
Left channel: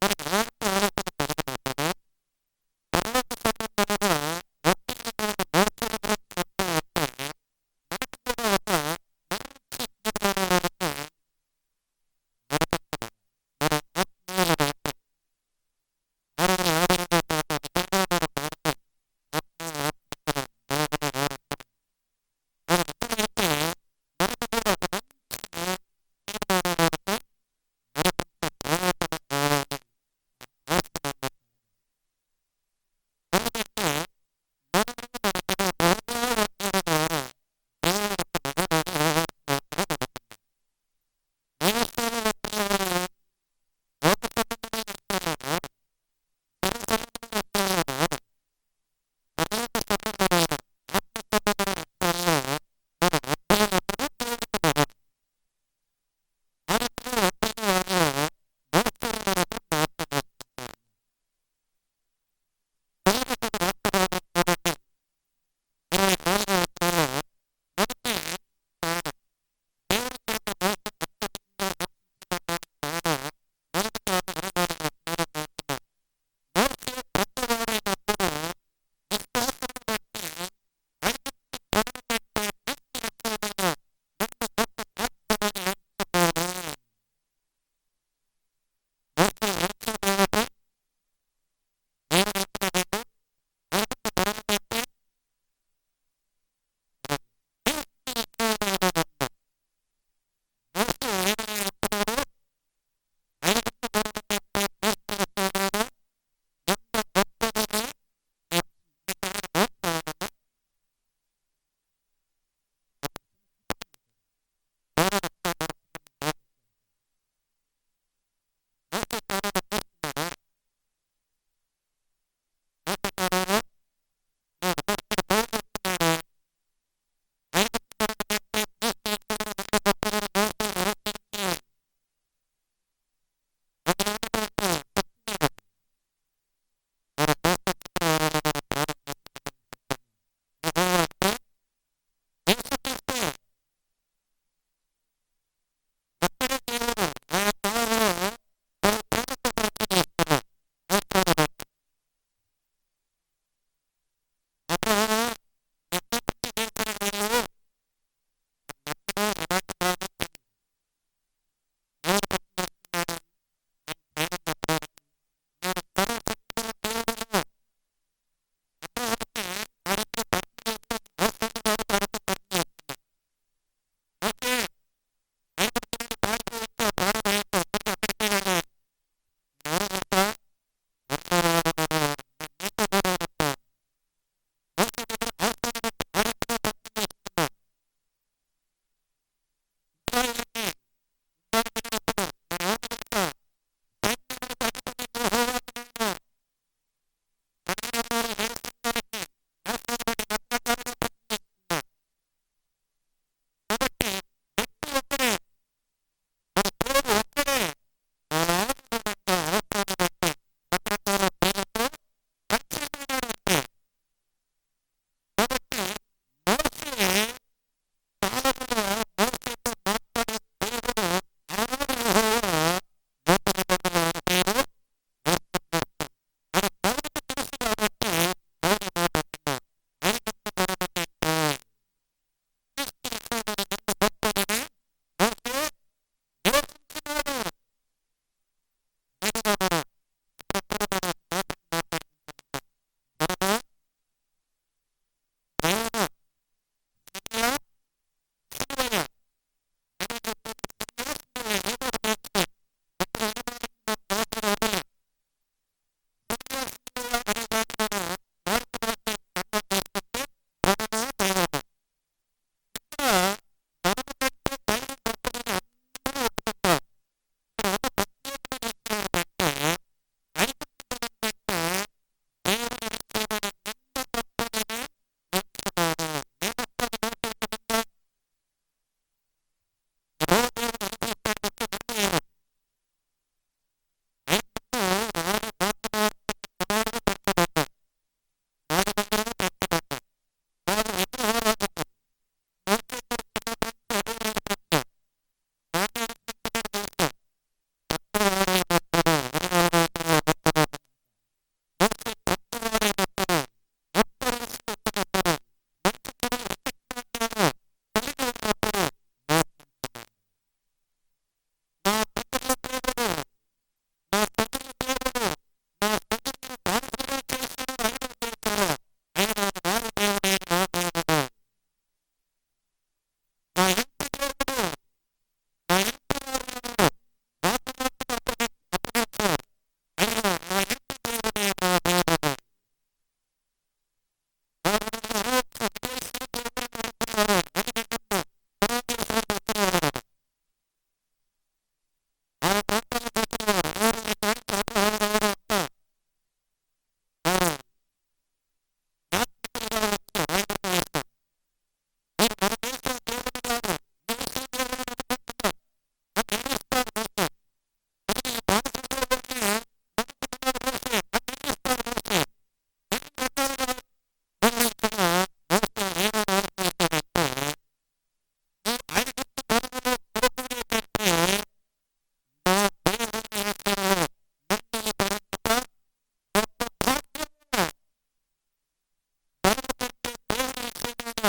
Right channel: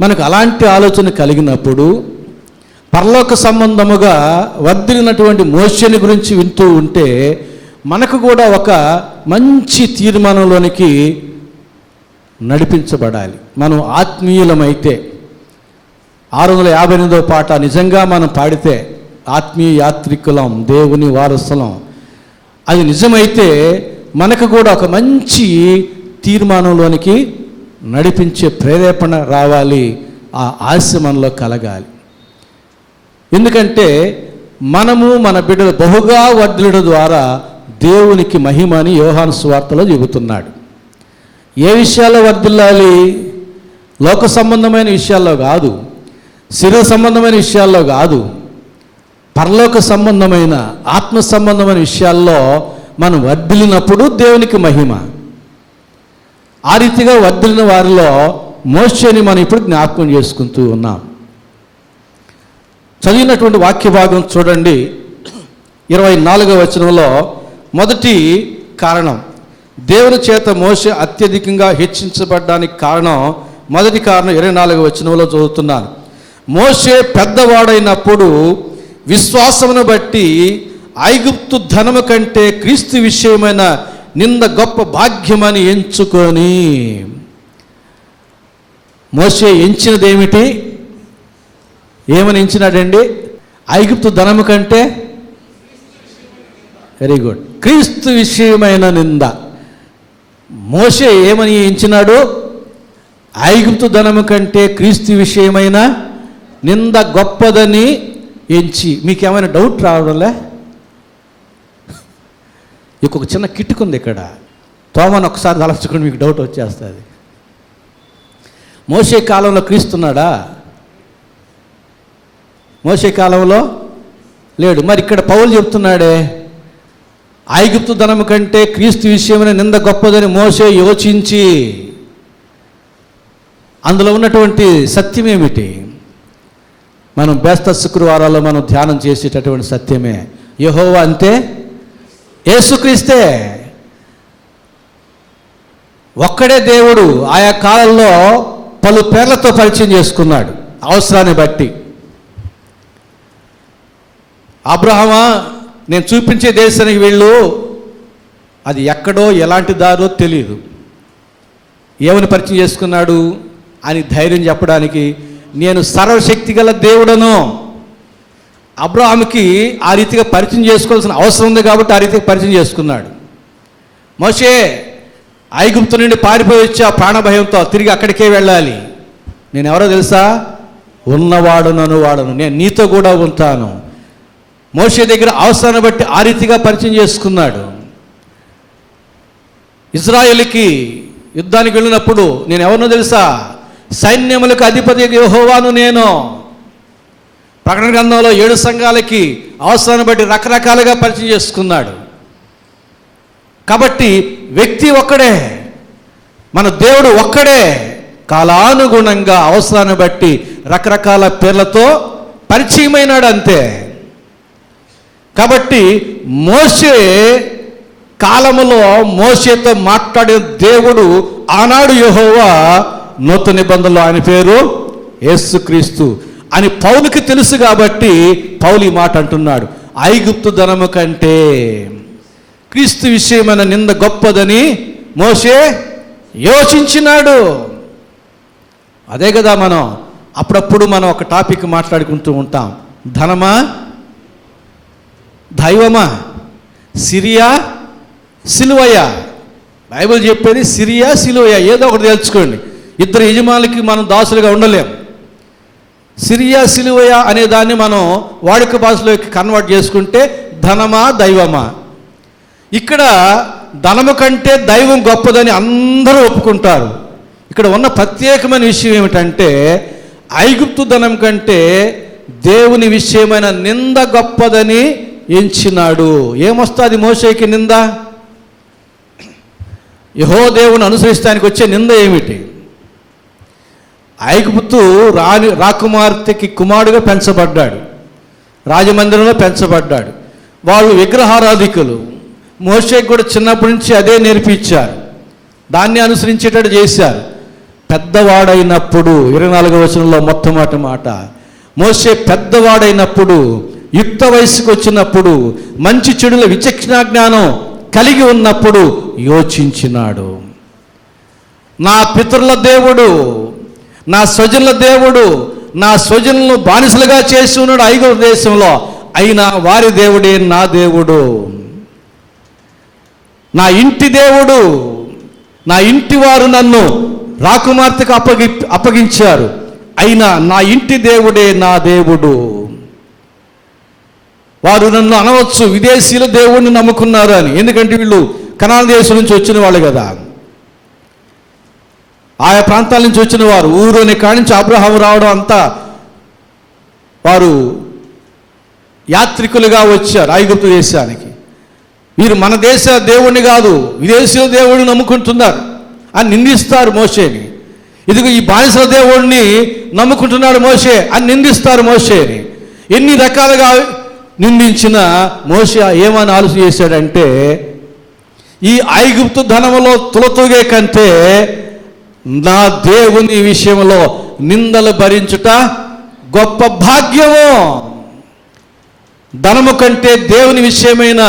మనకు అలాంటి ఆలోచన కలిగినప్పుడు పరలోక సంబంధముగా వర్ధిల్లినటువంటి మోషేని గురించి వింటూ ఉంటే మనకు కూడా ఒక మంచి తీర్మానంలోనికి నడిపించబడాలి. మనం ఆత్మీయులమైతే 658వ పాట నిజంగా మనం పాడితే ఆత్మీయ యాత్రికులం, దేవుని వారసులం, అది నిజమైతే మనకు కూడా ఒక మంచి తీర్మానంలోనికి నడిపించే ప్రేరేపణ రావాలి. ఆ ఆశ మనలో కలగాలి. ఎందుకంటే మనము మన బిడ్డలు బహుగా వర్ధిల్లడం ద్వారా దేవునికి మహిమ అని యోహాను సువార్తలో చెబుతున్నాడు. ఏ విషయాల్లో వర్ధిల్లాలి? లోక సంబంధమైన విషయాల్లో కాదు, శరీర సంబంధమైన విషయాల్లో కాదు, పరలోక సంబంధమైన ఆత్మ సంబంధమైన విషయాల్లో మనం వర్ధిల్లినప్పుడు దేవునికి మహిమ. ఆ రీతిగా వర్ధిల్లిన వారిలో మోషేని మనం ఇప్పుడు జ్ఞాపకం చేసుకుంటూ ఉన్నాం. చదివినటువంటి వాక్య భాగం చూడండి. 24వ వచనంలో మొదటి కారణం, దేవుని చేత మోషే అత్యధికంగా హెచ్చించబడ్డానికి కారణం, మొదటి కారణం 24వ వచనంలో చదువుతున్నాను. మోషే పెద్దవాడైనప్పుడు విశ్వాసమును బట్టి ఐగుప్తు ధనము కంటే క్రీస్తు విషయమైన నింద గొప్ప భాగ్యమని ఎంచుకొని. మోషే ఏమని ఎంచినాడండి? ఐగుప్తు ధనము కంటే వెరీ గుడ్. క్రీస్తు విషయమైన నింద. మోషే ఏమని ఎంచినాడు? ఐగుప్తు ధనము కంటే క్రీస్తు విషయమైన నింద గొప్పదని ఎంచి. మీకేమైనా డౌట్ రావడంలే? ఇంకొక చిన్న కిట్టుకుంది ఇక్కడ. తోమను ఒకసారి తలచుకుని మీకు డౌట్ వచ్చేస్తుంది. మోషే కాలంలో క్రీస్తున్నాడా? మోషే కాలంలో లేడు. మరి ఇక్కడ పౌలు చెప్తున్నాడే, ఐగుప్తు ధనము కంటే క్రీస్తు విషయమైన నింద గొప్పదని మోషే యోచించి. అందులో ఉన్నటువంటి సత్యం ఏమిటి? మనం బేస్త శుక్రవారాల్లో మనం ధ్యానం చేసేటటువంటి సత్యమే. యెహోవా అంటే యేసుక్రీస్తే. ఒక్కడే దేవుడు. ఆయా కాలంలో పలు పేర్లతో పరిచయం చేసుకున్నాడు అవసరాన్ని బట్టి. అబ్రహామా, నేను చూపించే దేశానికి వెళ్ళు. అది ఎక్కడో ఎలాంటి దారో తెలియదు. ఏమని పరిచయం చేసుకున్నాడు అని ధైర్యం చెప్పడానికి, నేను సర్వశక్తి గల దేవుడను. అబ్రహాముకి ఆ రీతిగా పరిచయం చేసుకోవాల్సిన అవసరం ఉంది కాబట్టి ఆ రీతిగా పరిచయం చేసుకున్నాడు. మోషే ఐగుప్తు నుండి పారిపోయి వచ్చి ఆ ప్రాణభయంతో తిరిగి అక్కడికే వెళ్ళాలి. నేను ఎవరో తెలుసా? ఉన్నవాడునను వాడను, నేను నీతో కూడా ఉంటాను. మోషే దగ్గర అవసరాన్ని బట్టి ఆ రీతిగా పరిచయం చేసుకున్నాడు. ఇజ్రాయేలుకి యుద్ధానికి వెళ్ళినప్పుడు నేను ఎవరినో తెలుసా? సైన్యములకు అధిపతి యెహోవాను నేను. ప్రకటన గ్రంథంలో 7 సంఘాలకి అవసరాన్ని బట్టి రకరకాలుగా పరిచయం చేసుకున్నాడు. కాబట్టి వ్యక్తి ఒక్కడే, మన దేవుడు ఒక్కడే. కాలానుగుణంగా అవసరాన్ని బట్టి రకరకాల పేర్లతో పరిచయమైనాడు అంతే. కాబట్టి మోషే కాలములో మోషేతో మాట్లాడిన దేవుడు ఆనాడు యెహోవా, నూతన నిబంధనలో ఆయన పేరు యేసుక్రీస్తు అని పౌలుకి తెలుసు. కాబట్టి పౌలు ఈ మాట అంటున్నాడు, ఐగుప్తు ధనము కంటే క్రీస్తు విషయమైన నింద గొప్పదని మోషే యోచించినాడు. అదే కదా మనం అప్పుడప్పుడు మనం ఒక టాపిక్ మాట్లాడుకుంటూ ఉంటాం. ధనమా, దైవమా, సిరియా, సిలువయా? బైబిల్ చెప్పేది సిరియా, సిలువయా, ఏదో ఒకటి తెలుసుకోండి. ఇద్దరు యజమానులకి మనం దాసులుగా ఉండలేం. సిరియా, సిలువయా అనే దాన్ని మనం వాడుక భాషలోకి కన్వర్ట్ చేసుకుంటే ధనమా, దైవమా? ఇక్కడ ధనము కంటే దైవం గొప్పదని అందరూ ఒప్పుకుంటారు. ఇక్కడ ఉన్న ప్రత్యేకమైన విషయం ఏమిటంటే, ఐగుప్తు ధనం కంటే దేవుని విషయమైన నింద గొప్పదని ఎంచినాడు. ఏమొస్తుంది మోషేకి నింద? యెహోవా దేవుని అనుసరిస్తానికి వచ్చే నింద ఏమిటి? ఐగుప్తు రాకుమార్తెకి కుమారుడుగా పెంచబడ్డాడు, రాజమందిరంలో పెంచబడ్డాడు. వాళ్ళు విగ్రహారాధికులు. మోషేకి కూడా చిన్నప్పటి నుంచి అదే నేర్పించారు, దాన్ని అనుసరించేటట్టు చేశారు. పెద్దవాడైనప్పుడు 24వ వచనంలో మొట్టమొదటి మాట, మోషే పెద్దవాడైనప్పుడు, యుక్త వయసుకు వచ్చినప్పుడు, మంచి చెడుల విచక్షణ జ్ఞానం కలిగి ఉన్నప్పుడు యోచించినాడు. నా పితరుల దేవుడు, నా స్వజనుల దేవుడు, నా స్వజనులను బానిసలుగా చేసి ఉన్నాడు ఐగుప్తు దేశంలో, అయినా వారి దేవుడే నా దేవుడు. నా ఇంటి దేవుడు, నా ఇంటి వారు నన్ను రాకుమార్తెకు అప్పగించారు, అయినా నా ఇంటి దేవుడే నా దేవుడు. వారు నన్ను అనవచ్చు విదేశీయుల దేవుడిని నమ్ముకున్నారు అని, ఎందుకంటే వీళ్ళు కనాన్ దేశం నుంచి వచ్చిన వాళ్ళు కదా, ఆయా ప్రాంతాల నుంచి వచ్చిన వారు. ఊరు అనే కాడి నుంచి అబ్రహాము రావడం అంతా వారు యాత్రికులుగా వచ్చారు ఐగుప్తు దేశానికి. వీరు మన దేశ దేవుణ్ణి కాదు విదేశీయుల దేవుడిని నమ్ముకుంటున్నారు అని నిందిస్తారు మోషేని. ఇదిగో ఈ బానిసల దేవుడిని నమ్ముకుంటున్నాడు మోషే అని నిందిస్తారు మోషేని. ఎన్ని రకాలుగా నిందించిన మోషే ఏమని ఆలోచన చేశాడంటే, ఈ ఐగుప్తు ధనములో తులతూగే కంటే నా దేవుని విషయంలో నిందలు భరించుట గొప్ప భాగ్యము. ధనము కంటే దేవుని విషయమైన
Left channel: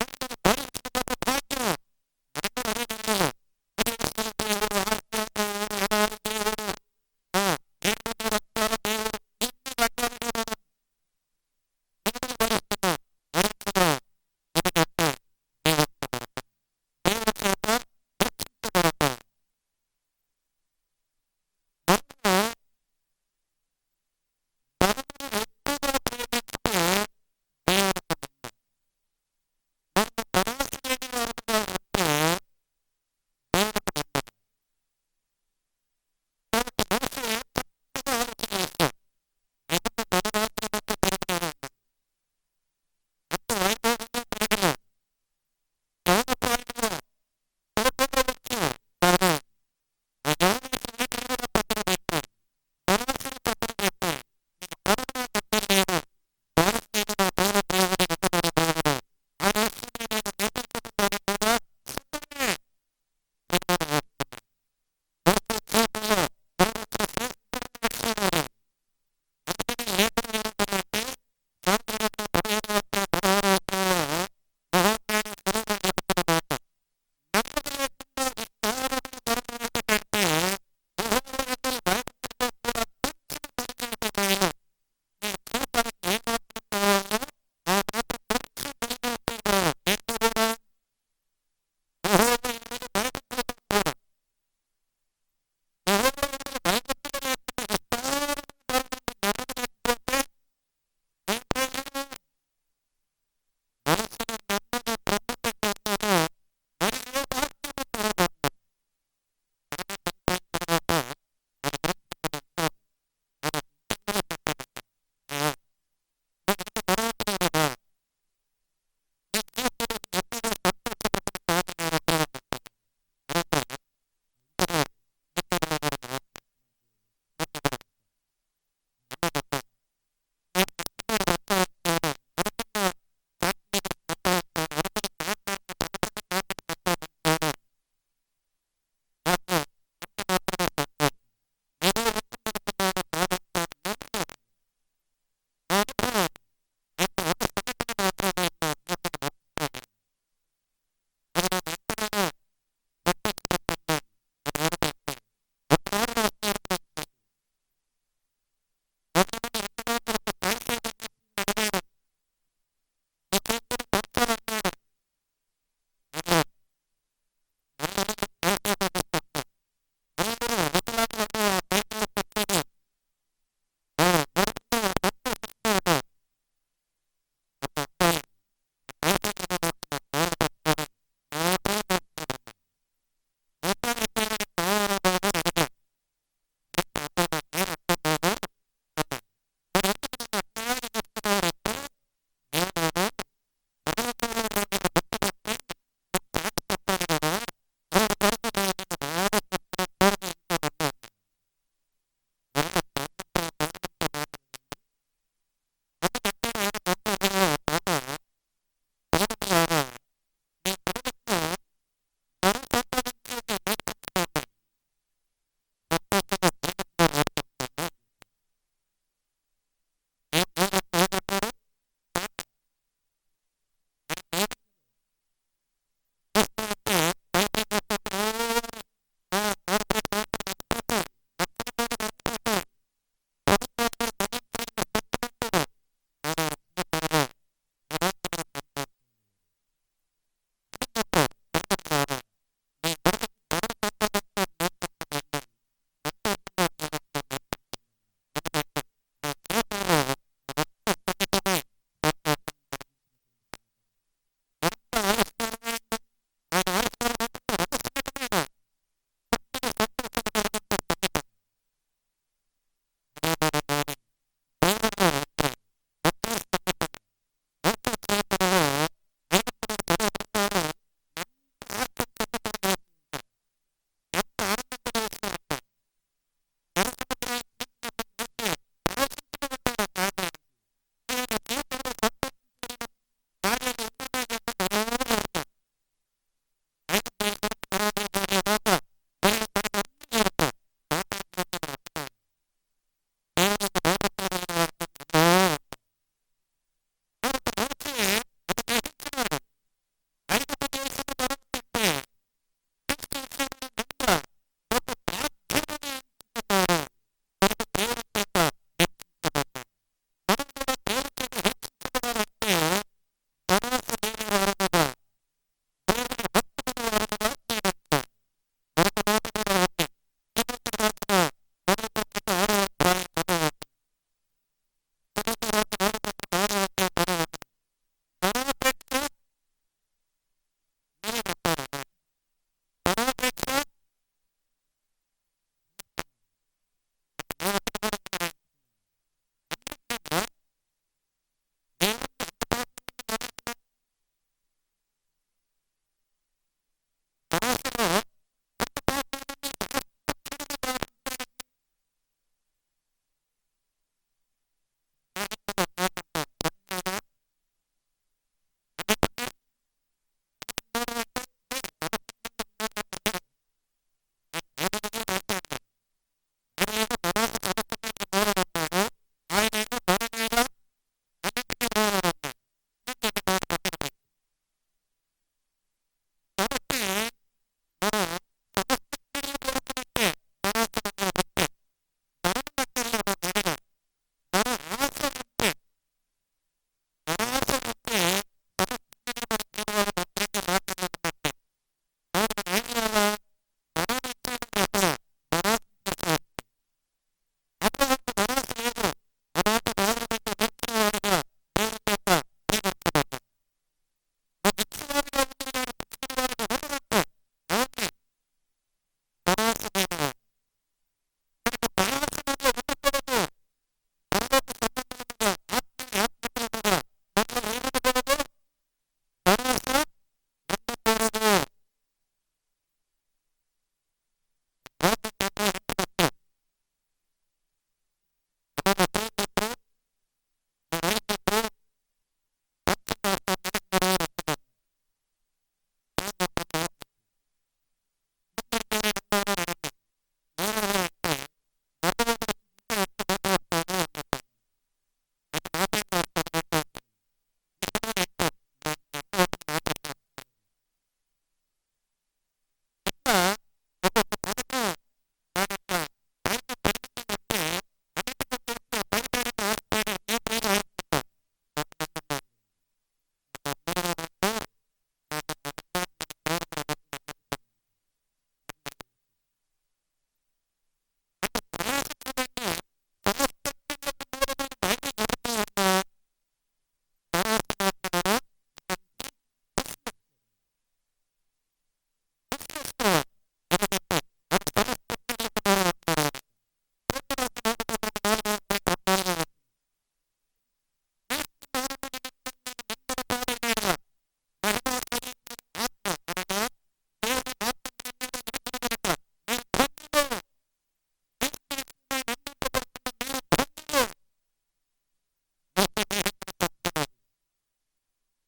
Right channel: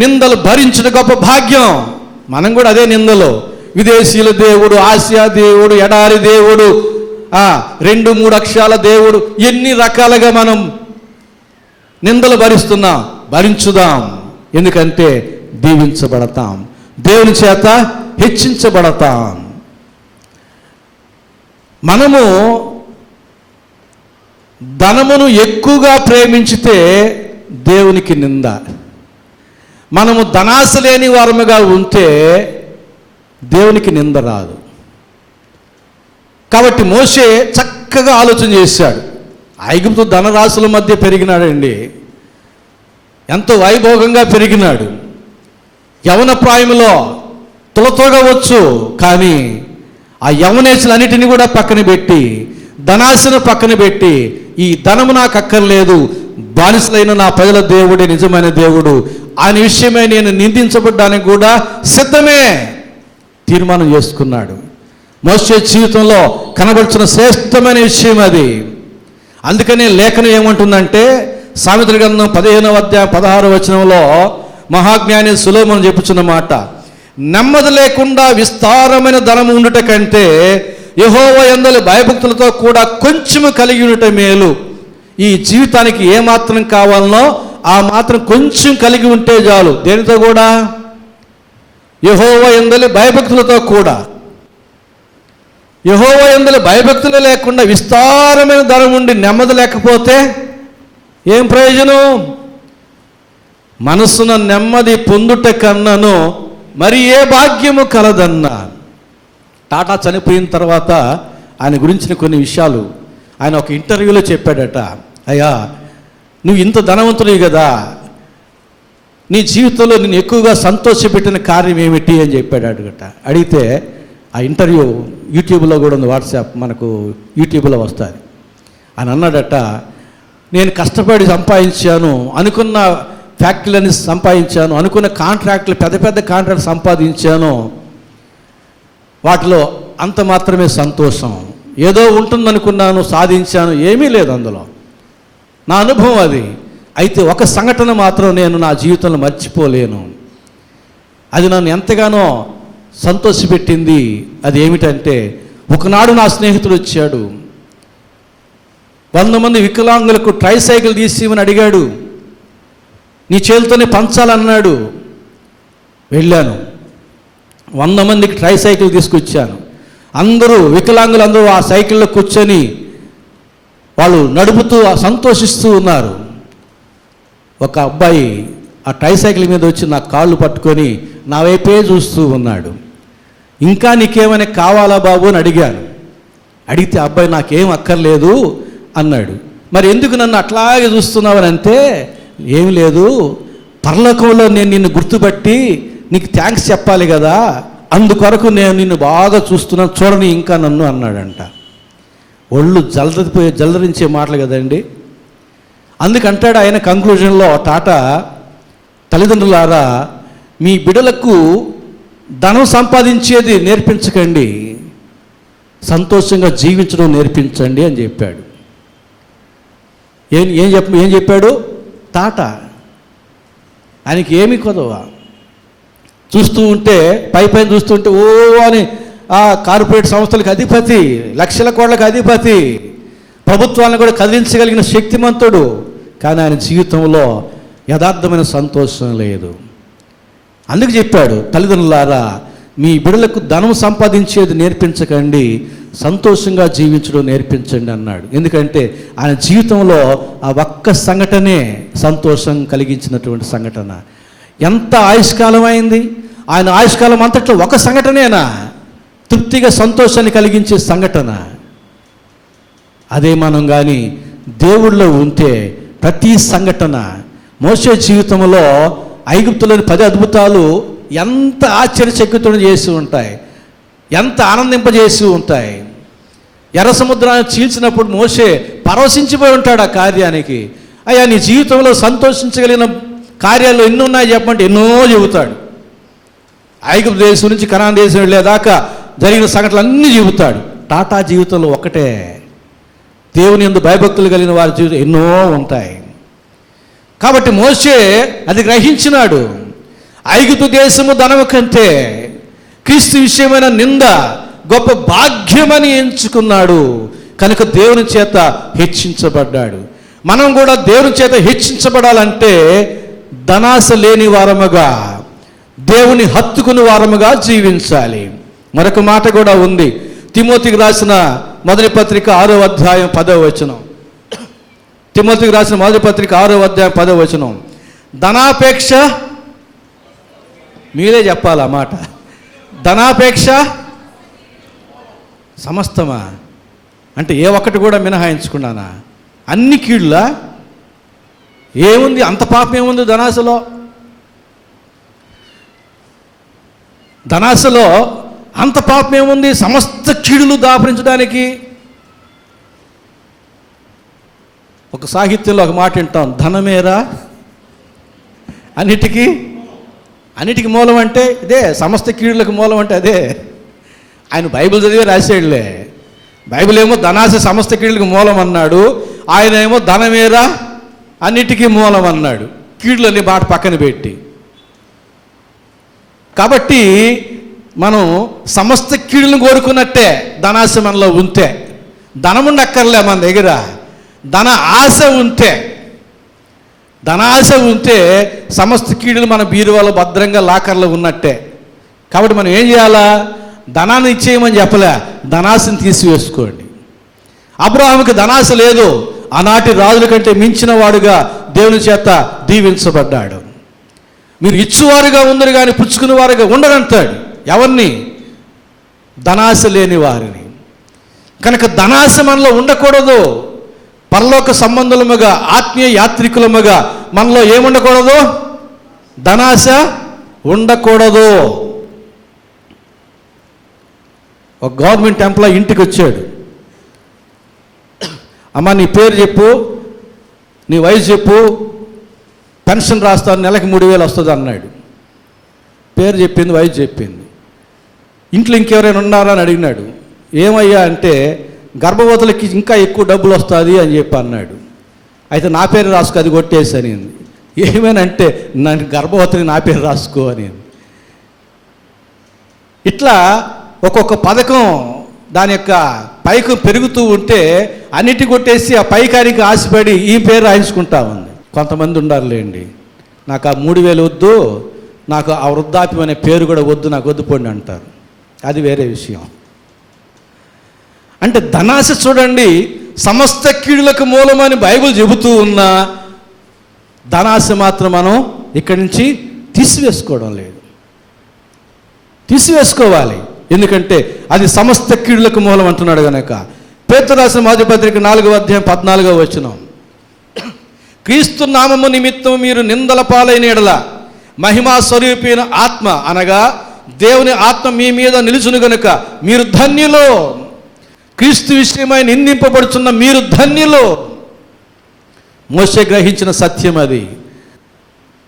నిందలు భరించుట గొప్ప భాగ్యం. మనం కూడా అదే నిందలు, విదేశీయుల దేవుడు, ఆసియా దేవుడు, ఎడారి దేవుడు, 2-3 అక్షరాల దేవుడు, ఎన్ని రకాలుగా మనం నిందలు భరిస్తున్నాం. భరించుదాం. ఎందుకంటే దీవించబడతాం, దేవుని చేత హెచ్చించబడతాం. మనము ధనమును ఎక్కువగా ప్రేమించితే దేవునికి నింద. మనము ధనాశ లేని వారముగా ఉంటే దేవునికి నింద రాదు. కాబట్టి మోషే చక్కగా ఆలోచన చేశాడు. ఐగుప్తు ధనరాశుల మధ్య పెరిగినాడండి, ఎంతో వైభోగంగా పెరిగినాడు. యవన ప్రాయంలో తులతోగవచ్చు, కానీ ఆ యవనేశులన్నిటిని కూడా పక్కన పెట్టి, ధనాశను పక్కన పెట్టి, ఈ ధనము నాకు అక్కర్లేదు, బానిసలైన నా ప్రజల దేవుడే నిజమైన దేవుడు, ఆయన విషయమై నేను నిందించబడ్డానికి కూడా సిద్ధమే తీర్మానం చేసుకున్నాడు. మోషే జీవితంలో కనబడుచున్న శ్రేష్టమైన విషయం అది. అందుకనే లేఖనం ఏమంటుందంటే, సామెతల గ్రంథం 15వ అధ్యాయం 16వ వచనంలో మహాజ్ఞాని సొలొమోను చెప్పుచున్న మాట, నెమ్మది లేకుండా విస్తారమైన ధనము ఉండుట కంటే యెహోవా యందలి భయభక్తులతో కూడా కొంచెము కలిగి ఉండుట మేలు. ఈ జీవితానికి ఏమాత్రం కావాలనో ఆ మాత్రం కొంచెం కలిగి ఉంటే చాలు. దేనితో కూడా? యెహోవా యందలి భయభక్తులతో కూడా. యెహోవా యందలి భయభక్తులు లేకుండా విస్తారమైన ధనం ఉండి నెమ్మది లేకపోతే ఏం ప్రయోజనం? మనసున నెమ్మది పొందుట కన్నను మరి ఏ భాగ్యము కలదన్నా. టాటా చనిపోయిన తర్వాత ఆయన గురించిన కొన్ని విషయాలు ఆయన ఒక ఇంటర్వ్యూలో చెప్పాడట. అయ్యా, నువ్వు ఇంత ధనవంతుడివి కదా, నీ జీవితంలో నేను ఎక్కువగా సంతోషపెట్టిన కార్యం ఏమిటి అని చెప్పాడట. అడిగితే ఆ ఇంటర్వ్యూ యూట్యూబ్లో కూడా ఉంది, వాట్సాప్ మనకు యూట్యూబ్లో వస్తుంది. అని అన్నాడట, నేను కష్టపడి సంపాదించాను, అనుకున్న ఫ్యాక్టరీలని సంపాదించాను, అనుకున్న కాంట్రాక్టులు పెద్ద పెద్ద కాంట్రాక్ట్ సంపాదించాను, వాటిలో అంత మాత్రమే సంతోషం. ఏదో ఉంటుందనుకున్నాను, సాధించాను, ఏమీ లేదు అందులో. నా అనుభవం అది. అయితే ఒక సంఘటన మాత్రం నేను నా జీవితంలో మర్చిపోలేను, అది నన్ను ఎంతగానో సంతోషపెట్టింది. అది ఏమిటంటే, ఒకనాడు నా స్నేహితుడు వచ్చాడు, 100 మంది వికలాంగులకు ట్రైసైకిల్ తీసిమని అడిగాడు, నీ చేతితోనే పంచాలన్నాడు. వెళ్ళాను, 100 మందికి ట్రైసైకిల్ తీసుకొచ్చాను. అందరూ వికలాంగులందరూ ఆ సైకిల్లో కూర్చొని వాళ్ళు నడుపుతూ సంతోషిస్తూ ఉన్నారు. ఒక అబ్బాయి ఆ ట్రైసైకిల్ మీద వచ్చి నా కాళ్ళు పట్టుకొని నా వైపే చూస్తూ ఉన్నాడు. ఇంకా నీకేమైనా కావాలా బాబు అని అడిగాను. అడిగితే అబ్బాయి నాకేం అక్కర్లేదు అన్నాడు. మరి ఎందుకు నన్ను అట్లాగే చూస్తున్నావు అని అంటే, ఏం లేదు, పరలోకంలో నేను నిన్ను గుర్తుపట్టి నీకు థ్యాంక్స్ చెప్పాలి కదా, అందుకొరకు నేను నిన్ను బాగా చూస్తున్నాను, చూడని ఇంకా నన్ను అన్నాడంట. ఒళ్ళు జలదరించే మాటలు కదండి. అందుకంటాడు ఆయన కంక్లూజన్లో టాటా, తల్లిదండ్రులారా, మీ బిడ్డలకు ధనం సంపాదించేది నేర్పించకండి, సంతోషంగా జీవించడం నేర్పించండి అని చెప్పాడు. ఏం చెప్పాడు టాటా? ఆయనకి ఏమి కొదవ. చూస్తూ ఉంటే పైన చూస్తుంటే ఓ అని ఆ కార్పొరేట్ సంస్థలకు అధిపతి, లక్షల కోట్లకు అధిపతి, ప్రభుత్వాలను కూడా కదిలించగలిగిన శక్తిమంతుడు. కానీ ఆయన జీవితంలో యథార్థమైన సంతోషం లేదు. అందుకు చెప్పాడు, తల్లిదండ్రులారా, మీ బిడ్డలకు ధనం సంపాదించేది నేర్పించకండి, సంతోషంగా జీవించడం నేర్పించండి అన్నాడు. ఎందుకంటే ఆయన జీవితంలో ఆ ఒక్క సంఘటనే సంతోషం కలిగించినటువంటి సంఘటన. ఎంత ఆయుష్కాలం అయింది, ఆయన ఆయుష్కాలం అంతట్లో ఒక సంఘటనేనా తృప్తిగా సంతోషాన్ని కలిగించే సంఘటన. అదే మనం కానీ దేవుళ్ళో ఉంటే ప్రతి సంఘటన, మోషే జీవితంలో ఐగుప్తులోని 10 అద్భుతాలు ఎంత ఆశ్చర్యచకితులను చేసి ఉంటాయి, ఎంత ఆనందింపజేసి ఉంటాయి. ఎర్ర సముద్రాన్ని చీల్చినప్పుడు మోషే పరవశించిపోయి ఉంటాడు ఆ కార్యానికి. అయ్యా, నీ జీవితంలో సంతోషించగలిగిన కార్యాలు ఎన్ని ఉన్నాయి చెప్పంటే ఎన్నో చెబుతాడు. ఐగుప్తు దేశం నుంచి కనాన్ దేశం వెళ్ళేదాకా జరిగిన సంఘటనలు అన్నీ చెబుతాడు. టాటా జీవితంలో ఒకటే, దేవుని యందు భయభక్తులు కలిగిన వారి జీవితం ఎన్నో ఉంటాయి. కాబట్టి మోషే అది గ్రహించినాడు. ఐగుప్తు దేశము ధనము కంటే క్రీస్తు విషయమైన నింద గొప్ప భాగ్యమని ఎంచుకున్నాడు. కనుక దేవుని చేత హెచ్చించబడ్డాడు. మనం కూడా దేవుని చేత హెచ్చించబడాలంటే ధనాశ లేని వారముగా, దేవుని హత్తుకుని వారముగా జీవించాలి. మరొక మాట కూడా ఉంది. తిమోతికి రాసిన మొదటి పత్రిక 6వ అధ్యాయం 10వ వచనం. తిమోతికి రాసిన మొదటి పత్రిక 6వ అధ్యాయం 10వ వచనం. ధనాపేక్ష, మీరే చెప్పాలి ఆ మాట. ధనాపేక్ష సమస్తమా అంటే ఏ ఒక్కటి కూడా మినహాయించుకున్నానా? అన్ని కీళ్ళ ఏముంది? అంత పాపం ఏముంది ధనాశలో? ధనాశలో అంత పాపం ఏముంది? సమస్త కీడులు దాపరించడానికి. ఒక సాహిత్యంలో ఒక మాట వింటాం, ధనమేరా అన్నిటికీ మూలం అంటే ఇదే, సమస్త కీడులకు మూలం అంటే అదే. ఆయన బైబిల్ చదివే రాసేళ్ళే. బైబిల్ ఏమో ధనాశ సమస్త కీడులకు మూలం అన్నాడు, ఆయన ఏమో ధనమేరా అన్నిటికీ మూలం అన్నాడు. కీడులని మాట పక్కన పెట్టి. కాబట్టి మనం సమస్త కీడులను కోరుకున్నట్టే ధనాశ మనలో ఉంటే. ధనముండక్కర్లే మన దగ్గర, ధన ఆశ ఉంటే, ధనాశ ఉంటే సమస్త కీడులు మన బీరువాలో భద్రంగా లాకర్లో ఉన్నట్టే. కాబట్టి మనం ఏం చేయాలా? ధనాన్ని ఇచ్చేయమని చెప్పలే, ధనాశని తీసివేసుకోండి. అబ్రాహాముకి ధనాశ లేదు, ఆనాటి రాజుల కంటే మించిన వాడుగా దేవుని చేత దీవించబడ్డాడు. మీరు ఇచ్చువారుగా ఉందరు కానీ పుచ్చుకునే వారుగా ఉండరంటాడు. ఎవరిని? ధనాశ లేని వారిని. కనుక ధనాశ మనలో ఉండకూడదు. పరలోక సంబంధులముగా, ఆత్మీయ యాత్రికులముగా మనలో ఏముండకూడదు? ధనాశ ఉండకూడదు. ఒక గవర్నమెంట్ ఎంప్లాయీ ఇంటికి వచ్చాడు. అమ్మ నీ పేరు చెప్పు, నీ వయసు చెప్పు, పెన్షన్ రాస్తాను, నెలకి 3,000 వస్తుంది అన్నాడు. పేరు చెప్పింది, వయసు చెప్పింది. ఇంట్లో ఇంకెవరైనా ఉన్నారా అని అడిగినాడు. ఏమయ్యా అంటే గర్భవతులకి ఇంకా ఎక్కువ డబ్బులు వస్తుంది అని చెప్పి అన్నాడు. అయితే నా పేరు రాసుకో, అది కొట్టేసి. ఏమేనంటే నన్ను గర్భవతిని నా పేరు రాసుకో అని. ఇట్లా ఒక్కొక్క పథకం దాని యొక్క పైకి పెరుగుతూ ఉంటే అన్నిటి కొట్టేసి ఆ పైకానికి ఆశపడి ఈ పేరు రాయించుకుంటా ఉంది. కొంతమంది ఉండారులేండి, నాకు ఆ 3,000 వద్దు, నాకు ఆ వృద్ధాప్యం అనే పేరు కూడా వద్దు, నాకు వద్దు పోండి అంటారు. అది వేరే విషయం. అంటే ధనాశ చూడండి సమస్త కీడులకు మూలమని బైబిల్ చెబుతూ ఉన్నా ధనాశ మాత్రం మనం ఇక్కడి నుంచి తీసివేసుకోవడం లేదు. తీసివేసుకోవాలి, ఎందుకంటే అది సమస్త కీడులకు మూలం అంటున్నాడు కనుక. పేతురు రాసిన మొదటి పత్రిక 4వ అధ్యాయం 14వ వచనం. క్రీస్తు నామము నిమిత్తం మీరు నిందల పాలైన ఎడల మహిమా స్వరూపైన ఆత్మ అనగా దేవుని ఆత్మ మీ మీద నిలుచును గనుక మీరు ధన్యులు. క్రీస్తు విషయమై నిందింపబడుతున్న మీరు ధన్యులు. మోషే గ్రహించిన సత్యం అది,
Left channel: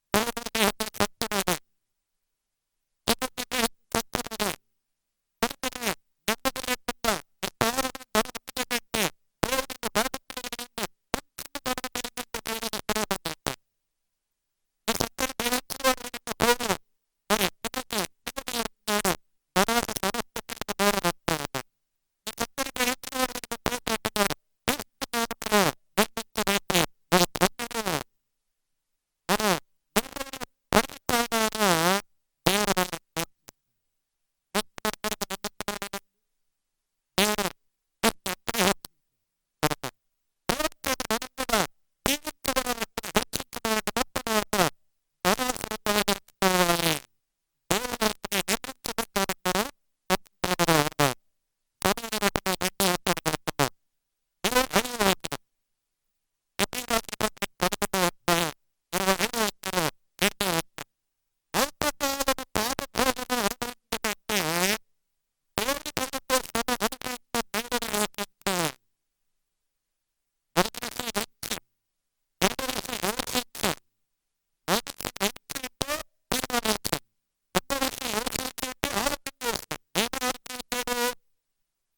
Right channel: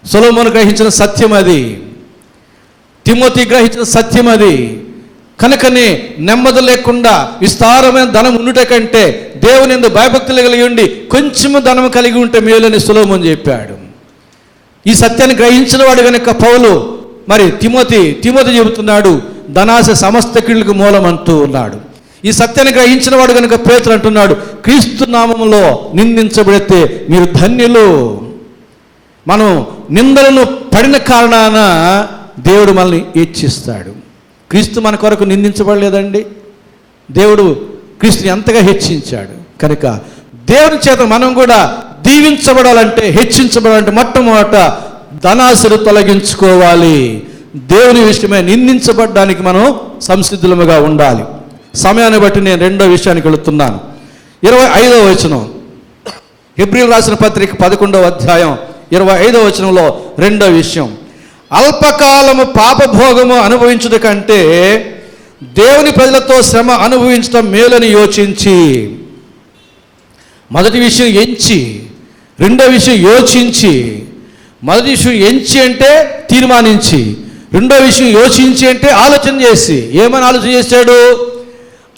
సొలొమోను గ్రహించిన సత్యం అది, తిమోతి గ్రహించిన సత్యం అది. కనుకనే నెమ్మది లేకుండా విస్తారమైన ధనం ఉండుట కంటే దేవుని యందు భయభక్తులు కలిగి ఉండి కొంచెము ధనం కలిగి ఉంటే మేలని సొలొమోను చెప్పాడు. ఈ సత్యాన్ని గ్రహించిన వాడు కనుక పౌలు మరి తిమోతి చెబుతున్నాడు ధనాశ సమస్త కీడులకు మూలం అంటూ ఉన్నాడు. ఈ సత్యాన్ని గ్రహించిన వాడు కనుక పేతురు అంటున్నాడు క్రీస్తు నామములో నిందించబడితే మీరు ధన్యులు. మనం నిందలను పడిన కారణాన దేవుడు మనల్ని హెచ్చిస్తాడు. క్రీస్తు మన కొరకు నిందించబడలేదండి, దేవుడు క్రీస్తుని ఎంతగా హెచ్చించాడు. కనుక దేవుని చేత మనం కూడా దీవించబడాలంటే, హెచ్చించబడాలంటే మొట్టమొదట ధనాశలు తొలగించుకోవాలి. దేవుని విషయమే నిందించబడడానికి మనం సంసిద్ధులముగా ఉండాలి. సమయాన్ని బట్టి నేను రెండో విషయానికి వెళుతున్నాను. 25వ వచనం, హెబ్రీయులకు రాసిన పత్రిక 11వ అధ్యాయం 25వ వచనంలో రెండో విషయం, అల్పకాలము పాపభోగము అనుభవించుట కంటే దేవుని ప్రజలతో శ్రమ అనుభవించడం మేలని యోచించి. మొదటి విషయం ఎంచి, రెండో విషయం యోచించి. మొదటి విషయం ఎంచి అంటే తీర్మానించి, రెండో విషయం యోచించి అంటే ఆలోచన చేసి. ఏమని ఆలోచన చేశాడు?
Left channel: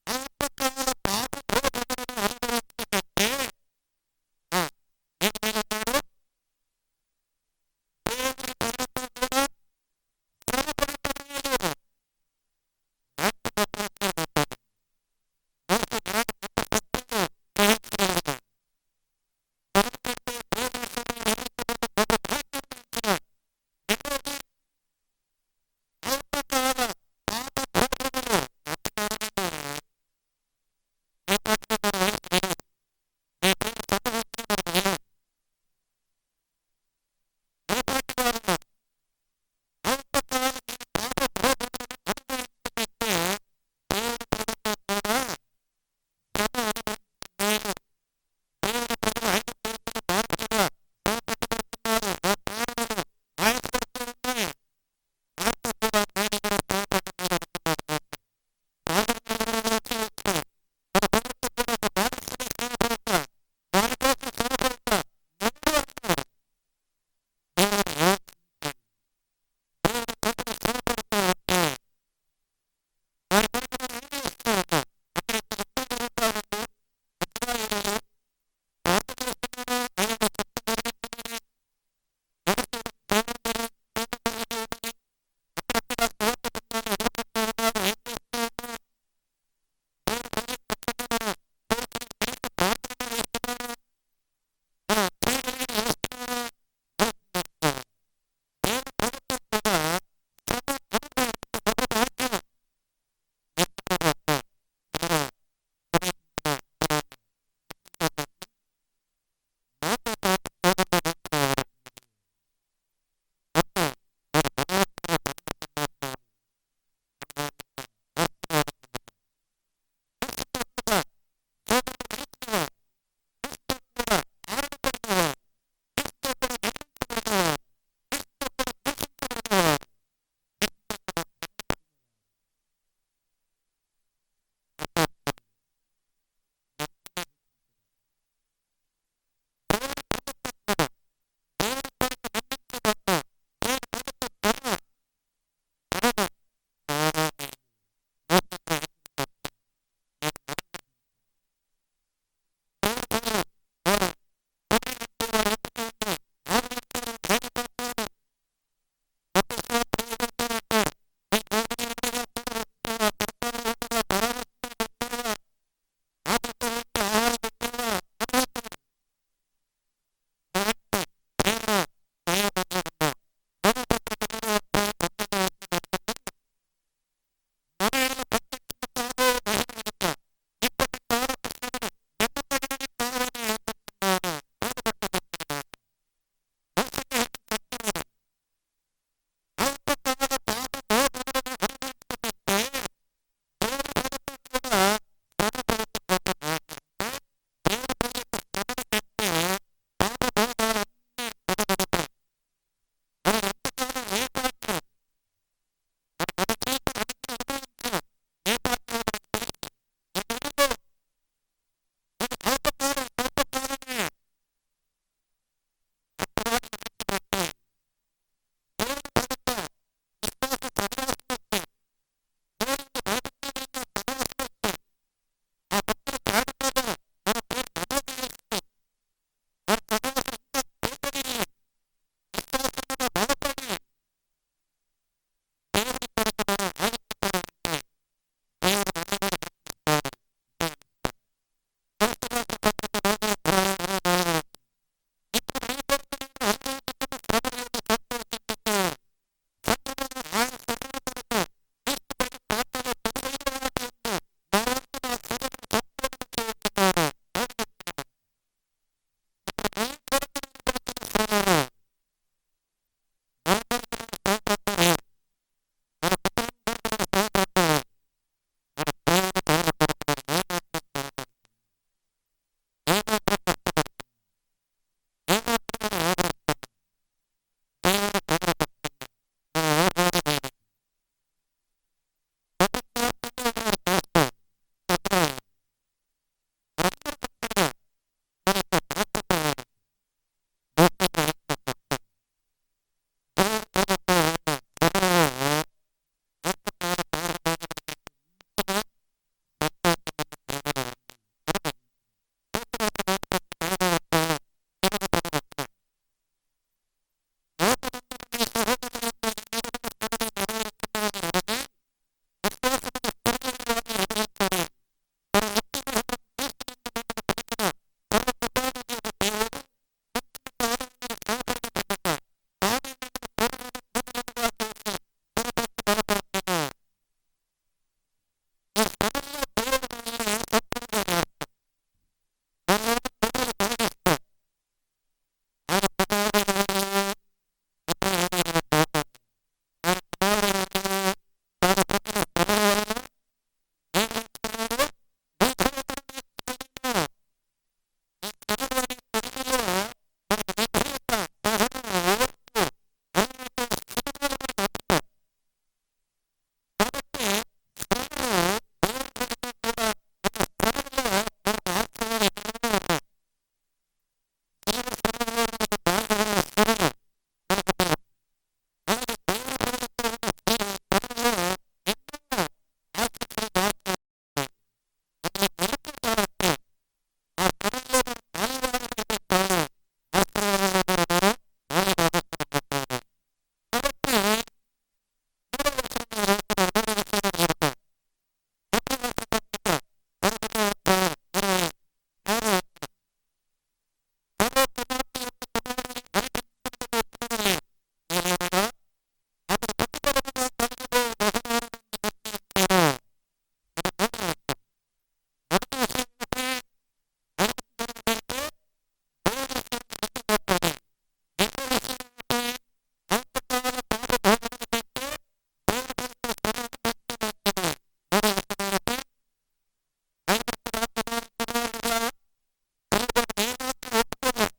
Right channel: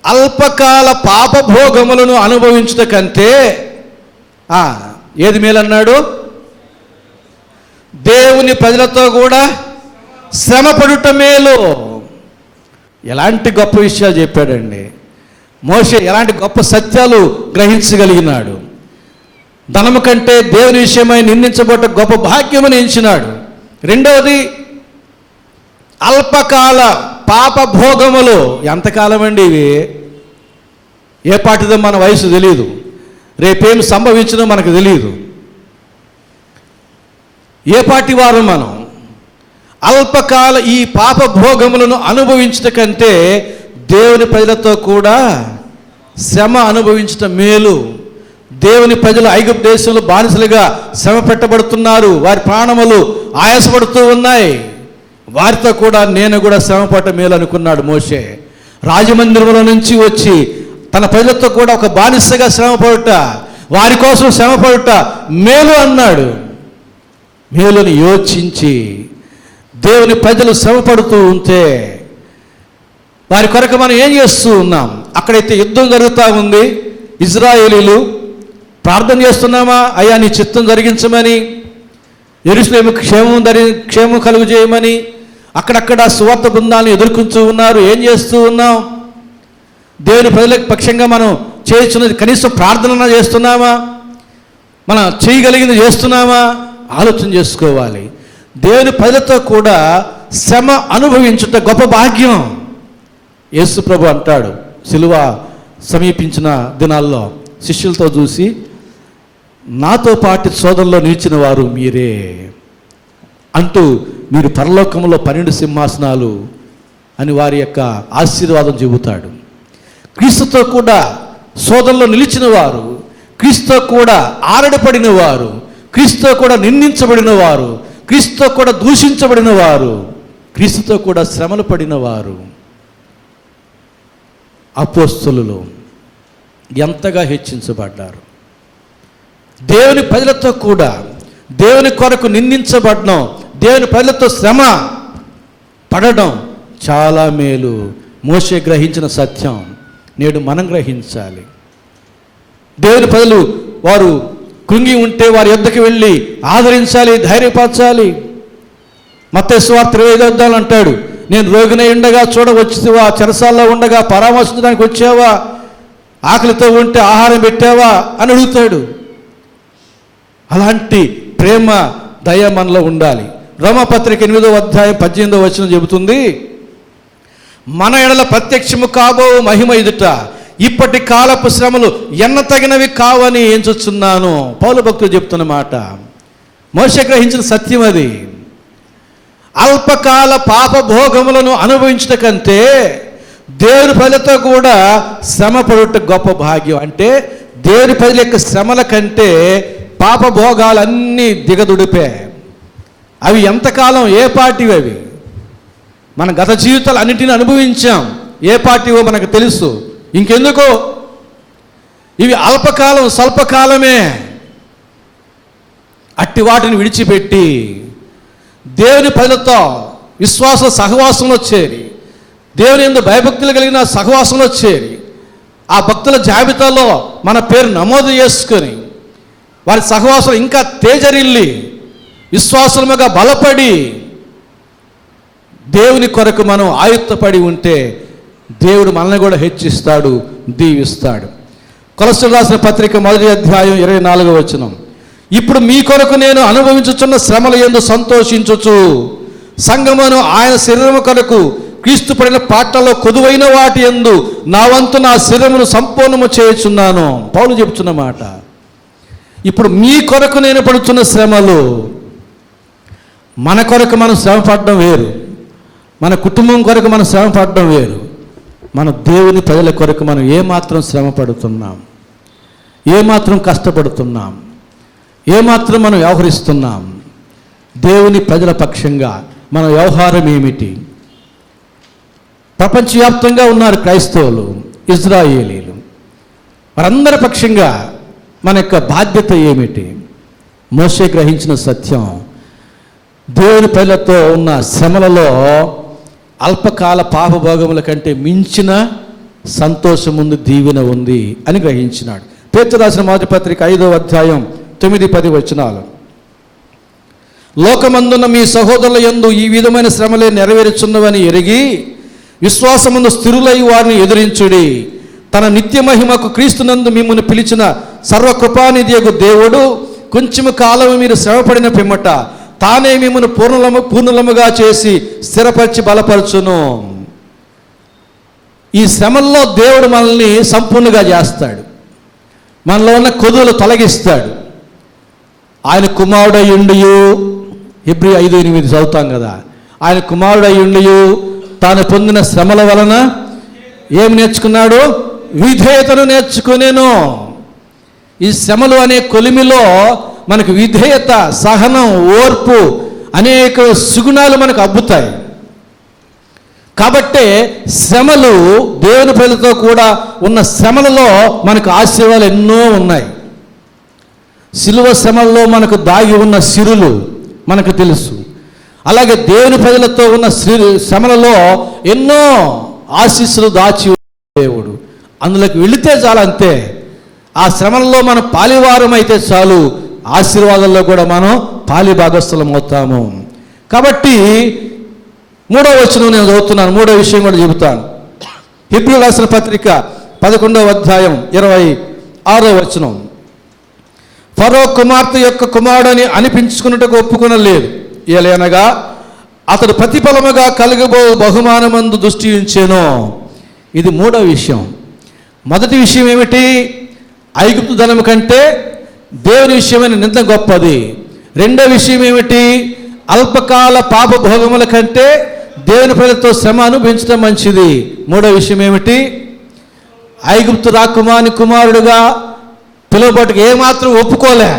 అల్పకాల పాపభోగములను అనుభవించుట కంటే ఏది మేలన్నాడు? దేవుని ప్రజలతో కూడా శ్రమ పడుట మేలు. ఎలాంటి గొప్ప విషయాలు చెప్పాడండి మోషే, ఎలాంటి గొప్ప సత్యాలు గ్రహించగలిగినాడు. ధనము కంటే దేవుని విషయమై నిందించబడ్డ గొప్ప భాగ్యమని ఎంచినాడు. రెండవది అల్పకాల పాప భోగములు. ఎంతకాలం అండి ఇవి? ఏ పాటిదో మన వయసు తెలియదు, రేపేం సంభవించదో మనకు తెలియదు. ఏ పాటి వారు మనం? అల్పకాల ఈ పాప భోగములను అనుభవించట కంటే దేవుని ప్రజలతో కూడా శ్రమ అనుభవించటం మేలు. దేవుని ప్రజలు ఐగుప్తు దేశంలో బానిసలుగా శ్రమ పెట్టబడుతున్నారు, వారి ప్రాణములు ఆయాసపడుతూ ఉన్నాయి. వారితో కూడా నేను కూడా శ్రమ పట్ట మేలు అనుకున్నాడు మోషే. రాజమందిరంలో నుంచి వచ్చి తన ప్రజలతో కూడా ఒక బానిసగా శ్రమపడుట, వారి కోసం శ్రమపడుట మేలు అన్నాడు. మేలుని యోచించి దేవుని ప్రజలు శ్రమపడుతూ ఉంటే వారి కొరకు మనం ఏం చేస్తూ ఉన్నాం? అక్కడైతే యుద్ధం జరుగుతూ ఉంది, ఇజ్రాయేలీలు ప్రార్థన చేస్తున్నామా, అయ్యా నీ చిత్తం జరిగించమని, యెరూషలేము క్షేమం కలుగు చేయమని. అక్కడక్కడ సువార్త బృందాలను ఎదుర్కొంటూ ఉన్నారు. ఏం చేస్తూ ఉన్నాం? దేవుని ప్రజలకు పక్షంగా మనం చేస్తున్నది కనీసం ప్రార్థన చేస్తున్నామా? మనం చేయగలిగింది చేస్తున్నామా? ఆలోచన చేసుకోవాలి. దేవుని ప్రజలతో కూడా శ్రమ అనుభవించుట గొప్ప భాగ్యం. యేసు ప్రభు అంటాడు, సిలువ సమీపించిన దినాల్లో శిష్యులతో చూసి, నాతో పాటు సోదరులో నిలిచిన వారు మీరే అంటూ, మీరు పరలోకంలో 12 సింహాసనాలు అని వారి యొక్క ఆశీర్వాదం చెబుతాడు. క్రీస్తుతో కూడా సోదరులో నిలిచిన వారు, క్రీస్తుతో కూడా ఆరడపడిన వారు, క్రీస్తుతో కూడా నిందించబడిన వారు, క్రీస్తుతో కూడా దూషించబడిన వారు, క్రీస్తుతో కూడా శ్రమలు పడిన వారు అపోస్తలులు ఎంతగా హెచ్చించబడ్డారు. దేవుని ప్రజలతో కూడా దేవుని కొరకు నిందించబడడం, దేవుని ప్రజలతో శ్రమ పడడం చాలా మేలు. మోషే గ్రహించిన సత్యం నేడు మనం గ్రహించాలి. దేవుని ప్రజలు వారు కృంగి ఉంటే వారి యొద్దకు వెళ్ళి ఆదరించాలి, ధైర్యపరచాలి. మత్తయి సువార్త 25 అంటాడు, నేను రోగినై ఉండగా చూడవచ్చువా, చెరసాల్లో ఉండగా పరామర్శించడానికి వచ్చావా, ఆకలితో ఉంటే ఆహారం పెట్టావా అని అడుగుతాడు. అలాంటి ప్రేమ దయ మనలో ఉండాలి. రోమపత్రిక 8:18 చెబుతుంది, మన ఎడల ప్రత్యక్షము కాబో మహిమ ఎదుట ఇప్పటి కాలపు శ్రమలు ఎన్న తగినవి కావని ఎంచుచున్నాను. పౌలు భక్తుడు చెప్తున్న మాట. మోషే గ్రహించిన సత్యం అది. అల్పకాల పాప భోగములను అనుభవించట కంటే దేవుని ప్రజలతో కూడా శ్రమ పడుట గొప్ప భాగ్యం. అంటే దేవుని ప్రజల యొక్క శ్రమల కంటే పాప భోగాలన్నీ దిగదుడిపే. అవి ఎంతకాలం, ఏ పార్టీవి అవి? మన గత జీవితాలు అన్నింటినీ అనుభవించాం, ఏ పార్టీవో మనకు తెలుసు. ఇంకెందుకో ఇవి అల్పకాలం, స్వల్పకాలమే. అట్టి వాటిని విడిచిపెట్టి దేవుని ప్రజలతో విశ్వాస సహవాసంలో చేరి, దేవుని యందు భయభక్తులు కలిగిన సహవాసంలో చేరి, ఆ భక్తుల జాబితాలో మన పేరు నమోదు చేసుకొని వారి సహవాసం ఇంకా తేజరిల్లి విశ్వాసముగా బలపడి దేవుని కొరకు మనం ఆయుత్తపడి ఉంటే దేవుడు మనల్ని కూడా హెచ్చిస్తాడు, దీవిస్తాడు. కొలస్సీయులకు రాసిన పత్రిక 1వ అధ్యాయం 24 ఇప్పుడు మీ కొరకు నేను అనుభవించుచున్న శ్రమల యందు సంతోషించుచు సంగమును ఆయన శరీరము కొరకు క్రీస్తు పడిన పాటల్లో కొదువైన వాటి యందు నా వంతు నా శరీరమును సంపూర్ణము చేయుచున్నాను. పౌలు చెబుతున్న మాట. ఇప్పుడు మీ కొరకు నేను పడుతున్న శ్రమలు, మన కొరకు మనం శ్రమ పడడం వేరు, మన కుటుంబం కొరకు మనం శ్రమ పడడం వేరు. మన దేవుని ప్రజల కొరకు మనం ఏమాత్రం శ్రమ పడుతున్నాం, ఏమాత్రం కష్టపడుతున్నాం, ఏమాత్రం మనం వ్యవహరిస్తున్నాం, దేవుని ప్రజల పక్షంగా మన వ్యవహారం ఏమిటి? ప్రపంచవ్యాప్తంగా ఉన్నారు క్రైస్తవులు, ఇజ్రాయేలీలు, వారందరి పక్షంగా మన యొక్క బాధ్యత ఏమిటి? మోషే గ్రహించిన సత్యం, దేవుని ప్రజలతో ఉన్న శ్రమలలో అల్పకాల పాపభోగముల కంటే మించిన సంతోషం ఉంది, దీవెన ఉంది అని గ్రహించినాడు. పేతురు రాసిన మొదటి పత్రిక 5వ అధ్యాయం 9-10 లోకమందున్న మీ సహోదరుల యందు ఈ విధమైన శ్రమలే నెరవేరుచున్నవని ఎరిగి విశ్వాసమందు స్థిరులై వారిని ఎదిరించుడి. తన నిత్య మహిమకు క్రీస్తునందు మిమ్మల్ని పిలిచిన సర్వకృపానిధియగు దేవుడు కొంచెము కాలము మీరు శ్రమపడిన పిమ్మట తానే మిమ్మల్ని పూర్ణులముగా చేసి స్థిరపరిచి బలపరచును. ఈ శ్రమల్లో దేవుడు మనల్ని సంపూర్ణంగా చేస్తాడు. మనలో ఉన్న కొదువులు తొలగిస్తాడు. ఆయన కుమారుడయ్యుండియు, హెబ్రీ 5:8 చదువుతాం కదా, ఆయన కుమారుడయ్యుండియు తాను పొందిన శ్రమల వలన ఏమి నేర్చుకున్నాడు? విధేయతను నేర్చుకునేను. ఈ శ్రమలు అనే కొలిమిలో మనకు విధేయత, సహనం, ఓర్పు అనేక సుగుణాలు మనకు అబ్బుతాయి. కాబట్టే శ్రమలు, దేవుని ప్రజలతో కూడా ఉన్న శ్రమలలో మనకు ఆశీర్వాదాలు ఎన్నో ఉన్నాయి. సిలువ శ్రమల్లో మనకు దాగి ఉన్న సిరులు మనకు తెలుసు. అలాగే దేవుని ప్రజలతో ఉన్న శ్రమలలో ఎన్నో ఆశీస్సులు దాచి దేవుడు. అందులోకి వెళితే చాలు, అంతే. ఆ శ్రమలలో మనం పాలివారం అయితే చాలు, ఆశీర్వాదాల్లో కూడా మనం పాలి భాగస్థలం అవుతాము. కాబట్టి 3వ వచనం నేను చదువుతున్నాను. 3వ విషయం కూడా చెబుతాను. హెబ్రీయులకు రాసిన పత్రిక 11వ అధ్యాయం 26వ వచనం. ఫరో కుమార్తె యొక్క కుమారుడని అనిపించుకున్నట్టుకు ఒప్పుకొనలేదు, ఏలనగా అతడు ప్రతిఫలముగా కలుగబో బహుమానమందు దృష్టి ఉంచెను. ఇది 3వ విషయం. మొదటి విషయం ఏమిటి? ఐగుప్తు ధనము కంటే దేవుని విషయమైన నింద గొప్పది. 2వ విషయం ఏమిటి? అల్పకాల పాప భోగముల కంటే దేవుని ప్రజలతో శ్రమ అనుభవించడం మంచిది. 3వ విషయం ఏమిటి? ఐగుప్తు రాకుమాని కుమారుడుగా పిలువబట్టుకు ఏమాత్రం ఒప్పుకోలే.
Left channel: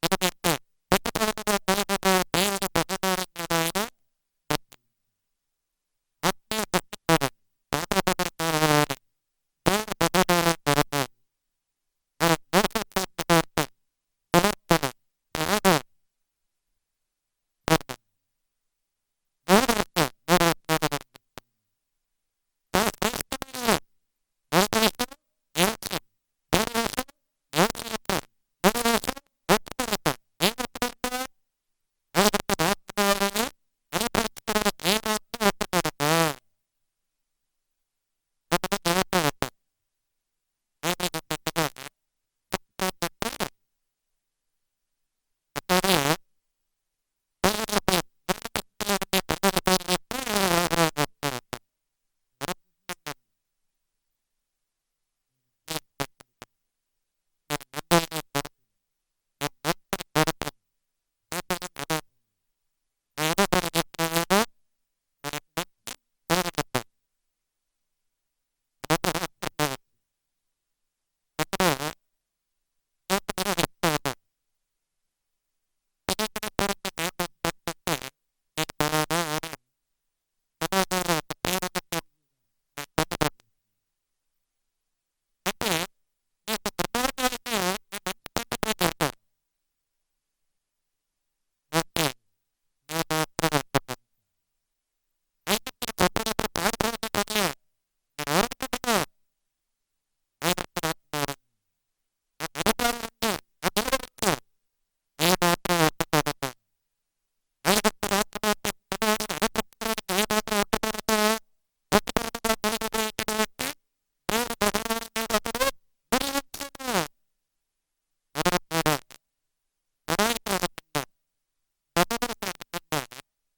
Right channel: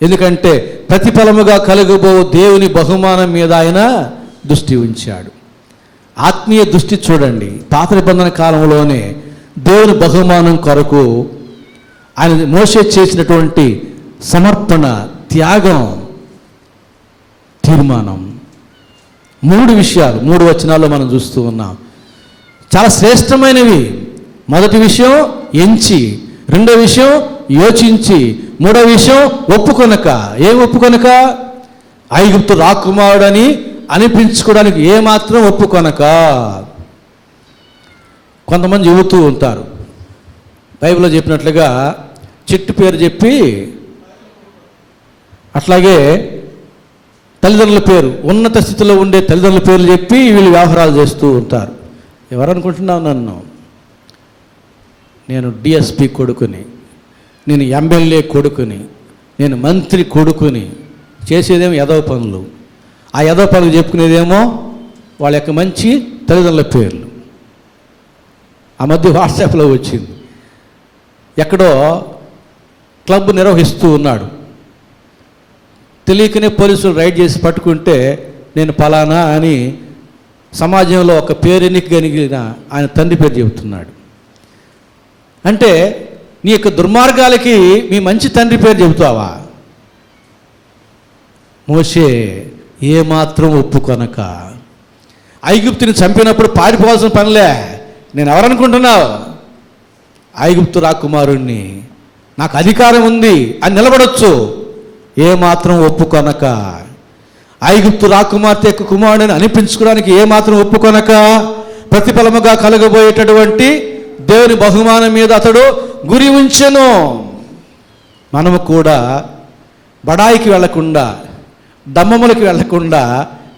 ఎందుకంటే ప్రతిఫలముగా కలుగబో దేవుని బహుమానం మీద ఆయన దృష్టి ఉంచాడు. ఆత్మీయ దృష్టి చూడండి. పాత నిబంధన కాలంలోనే దేవుని బహుమానం కొరకు ఆయన మోషే చేసినటువంటి సమర్పణ, త్యాగం, తీర్మానం, 3 విషయాలు 3 వచనాల్లో మనం చూస్తూ ఉన్నాం. చాలా శ్రేష్టమైనవి. మొదటి విషయం ఎంచి, 2వ విషయం యోచించి, 3వ విషయం ఒప్పుకొనక. ఏం ఒప్పుకొనక? ఐగుప్తు రాకుమారుడని అనిపించుకోవడానికి ఏమాత్రం ఒప్పుకొనక. కొంతమంది చెబుతూ ఉంటారు, బైబిల్లో చెప్పినట్లుగా చెట్టు పేరు చెప్పి, అట్లాగే తల్లిదండ్రుల పేరు, ఉన్నత స్థితిలో ఉండే తల్లిదండ్రుల పేర్లు చెప్పి వీళ్ళు వ్యవహారాలు చేస్తూ ఉంటారు. ఎవరనుకుంటున్నావు నన్ను? నేను డిఎస్పి కొడుకుని, నేను ఎమ్మెల్యే కొడుకుని, నేను మంత్రి కొడుకుని. చేసేదేమో ఎదవ పనులు. ఆ ఎదవ పనులు చెప్పుకునేదేమో వాళ్ళ యొక్క మంచి తల్లిదండ్రుల పేర్లు. ఆ మధ్య వాట్సాప్లో వచ్చింది, ఎక్కడో క్లబ్ నిర్వహిస్తూ ఉన్నాడు, తెలియకనే పోలీసులు రైడ్ చేసి పట్టుకుంటే నేను పలానా అని సమాజంలో ఒక పేరెన్నిక కలిగిన ఆయన తండ్రి పేరు చెబుతున్నాడు. అంటే నీ యొక్క దుర్మార్గాలకి మీ మంచి తండ్రి పేరు చెబుతావా? మోషే ఏమాత్రం ఒప్పుకొనక ఐగుప్తుని చంపినప్పుడు పారిపోవాల్సిన పనిలే. నేను ఎవరనుకుంటున్నావు? ఐగుప్తు రాకుమారుణ్ణి, నాకు అధికారం ఉంది అని నిలబడొచ్చు. ఏమాత్రం ఒప్పుకొనక, ఐగుప్తు రాకుమార్తె యొక్క కుమారుడిని అనిపించుకోవడానికి ఏమాత్రం ఒప్పుకొనక, ప్రతిఫలముగా కలగబోయేటటువంటి దేవుని బహుమానం మీద అతడు గురి ఉంచెను. మనము కూడా బడాయికి వెళ్లకుండా, దమ్మములకు వెళ్లకుండా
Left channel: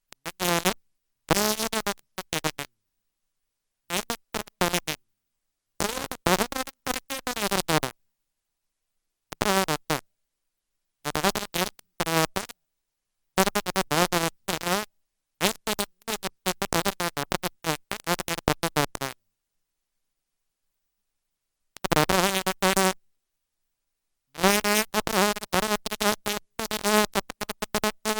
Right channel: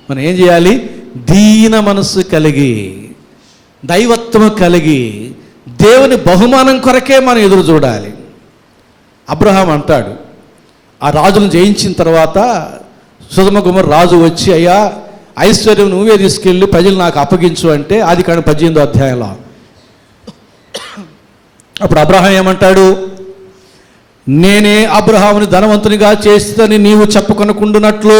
మనం ఏం చేయాలి? దీన మనస్సు కలిగి, దైవత్వము కలిగి, దేవుని బహుమానం కొరకే మనం ఎదురు చూడాలి. అబ్రహాం అంటాడు, ఆ రాజును జయించిన తర్వాత సొదొమ గొమొర్రా రాజు వచ్చి, అయ్యా ఐశ్వర్యం నువ్వే తీసుకెళ్ళి ప్రజలు నాకు అప్పగించు అంటే, ఆదికాండం 18వ అధ్యాయంలో. అప్పుడు అబ్రహాం ఏమంటాడు? నేనే అబ్రహాముని ధనవంతునిగా చేస్తానని నీవు చెప్పుకొనకుండునట్లు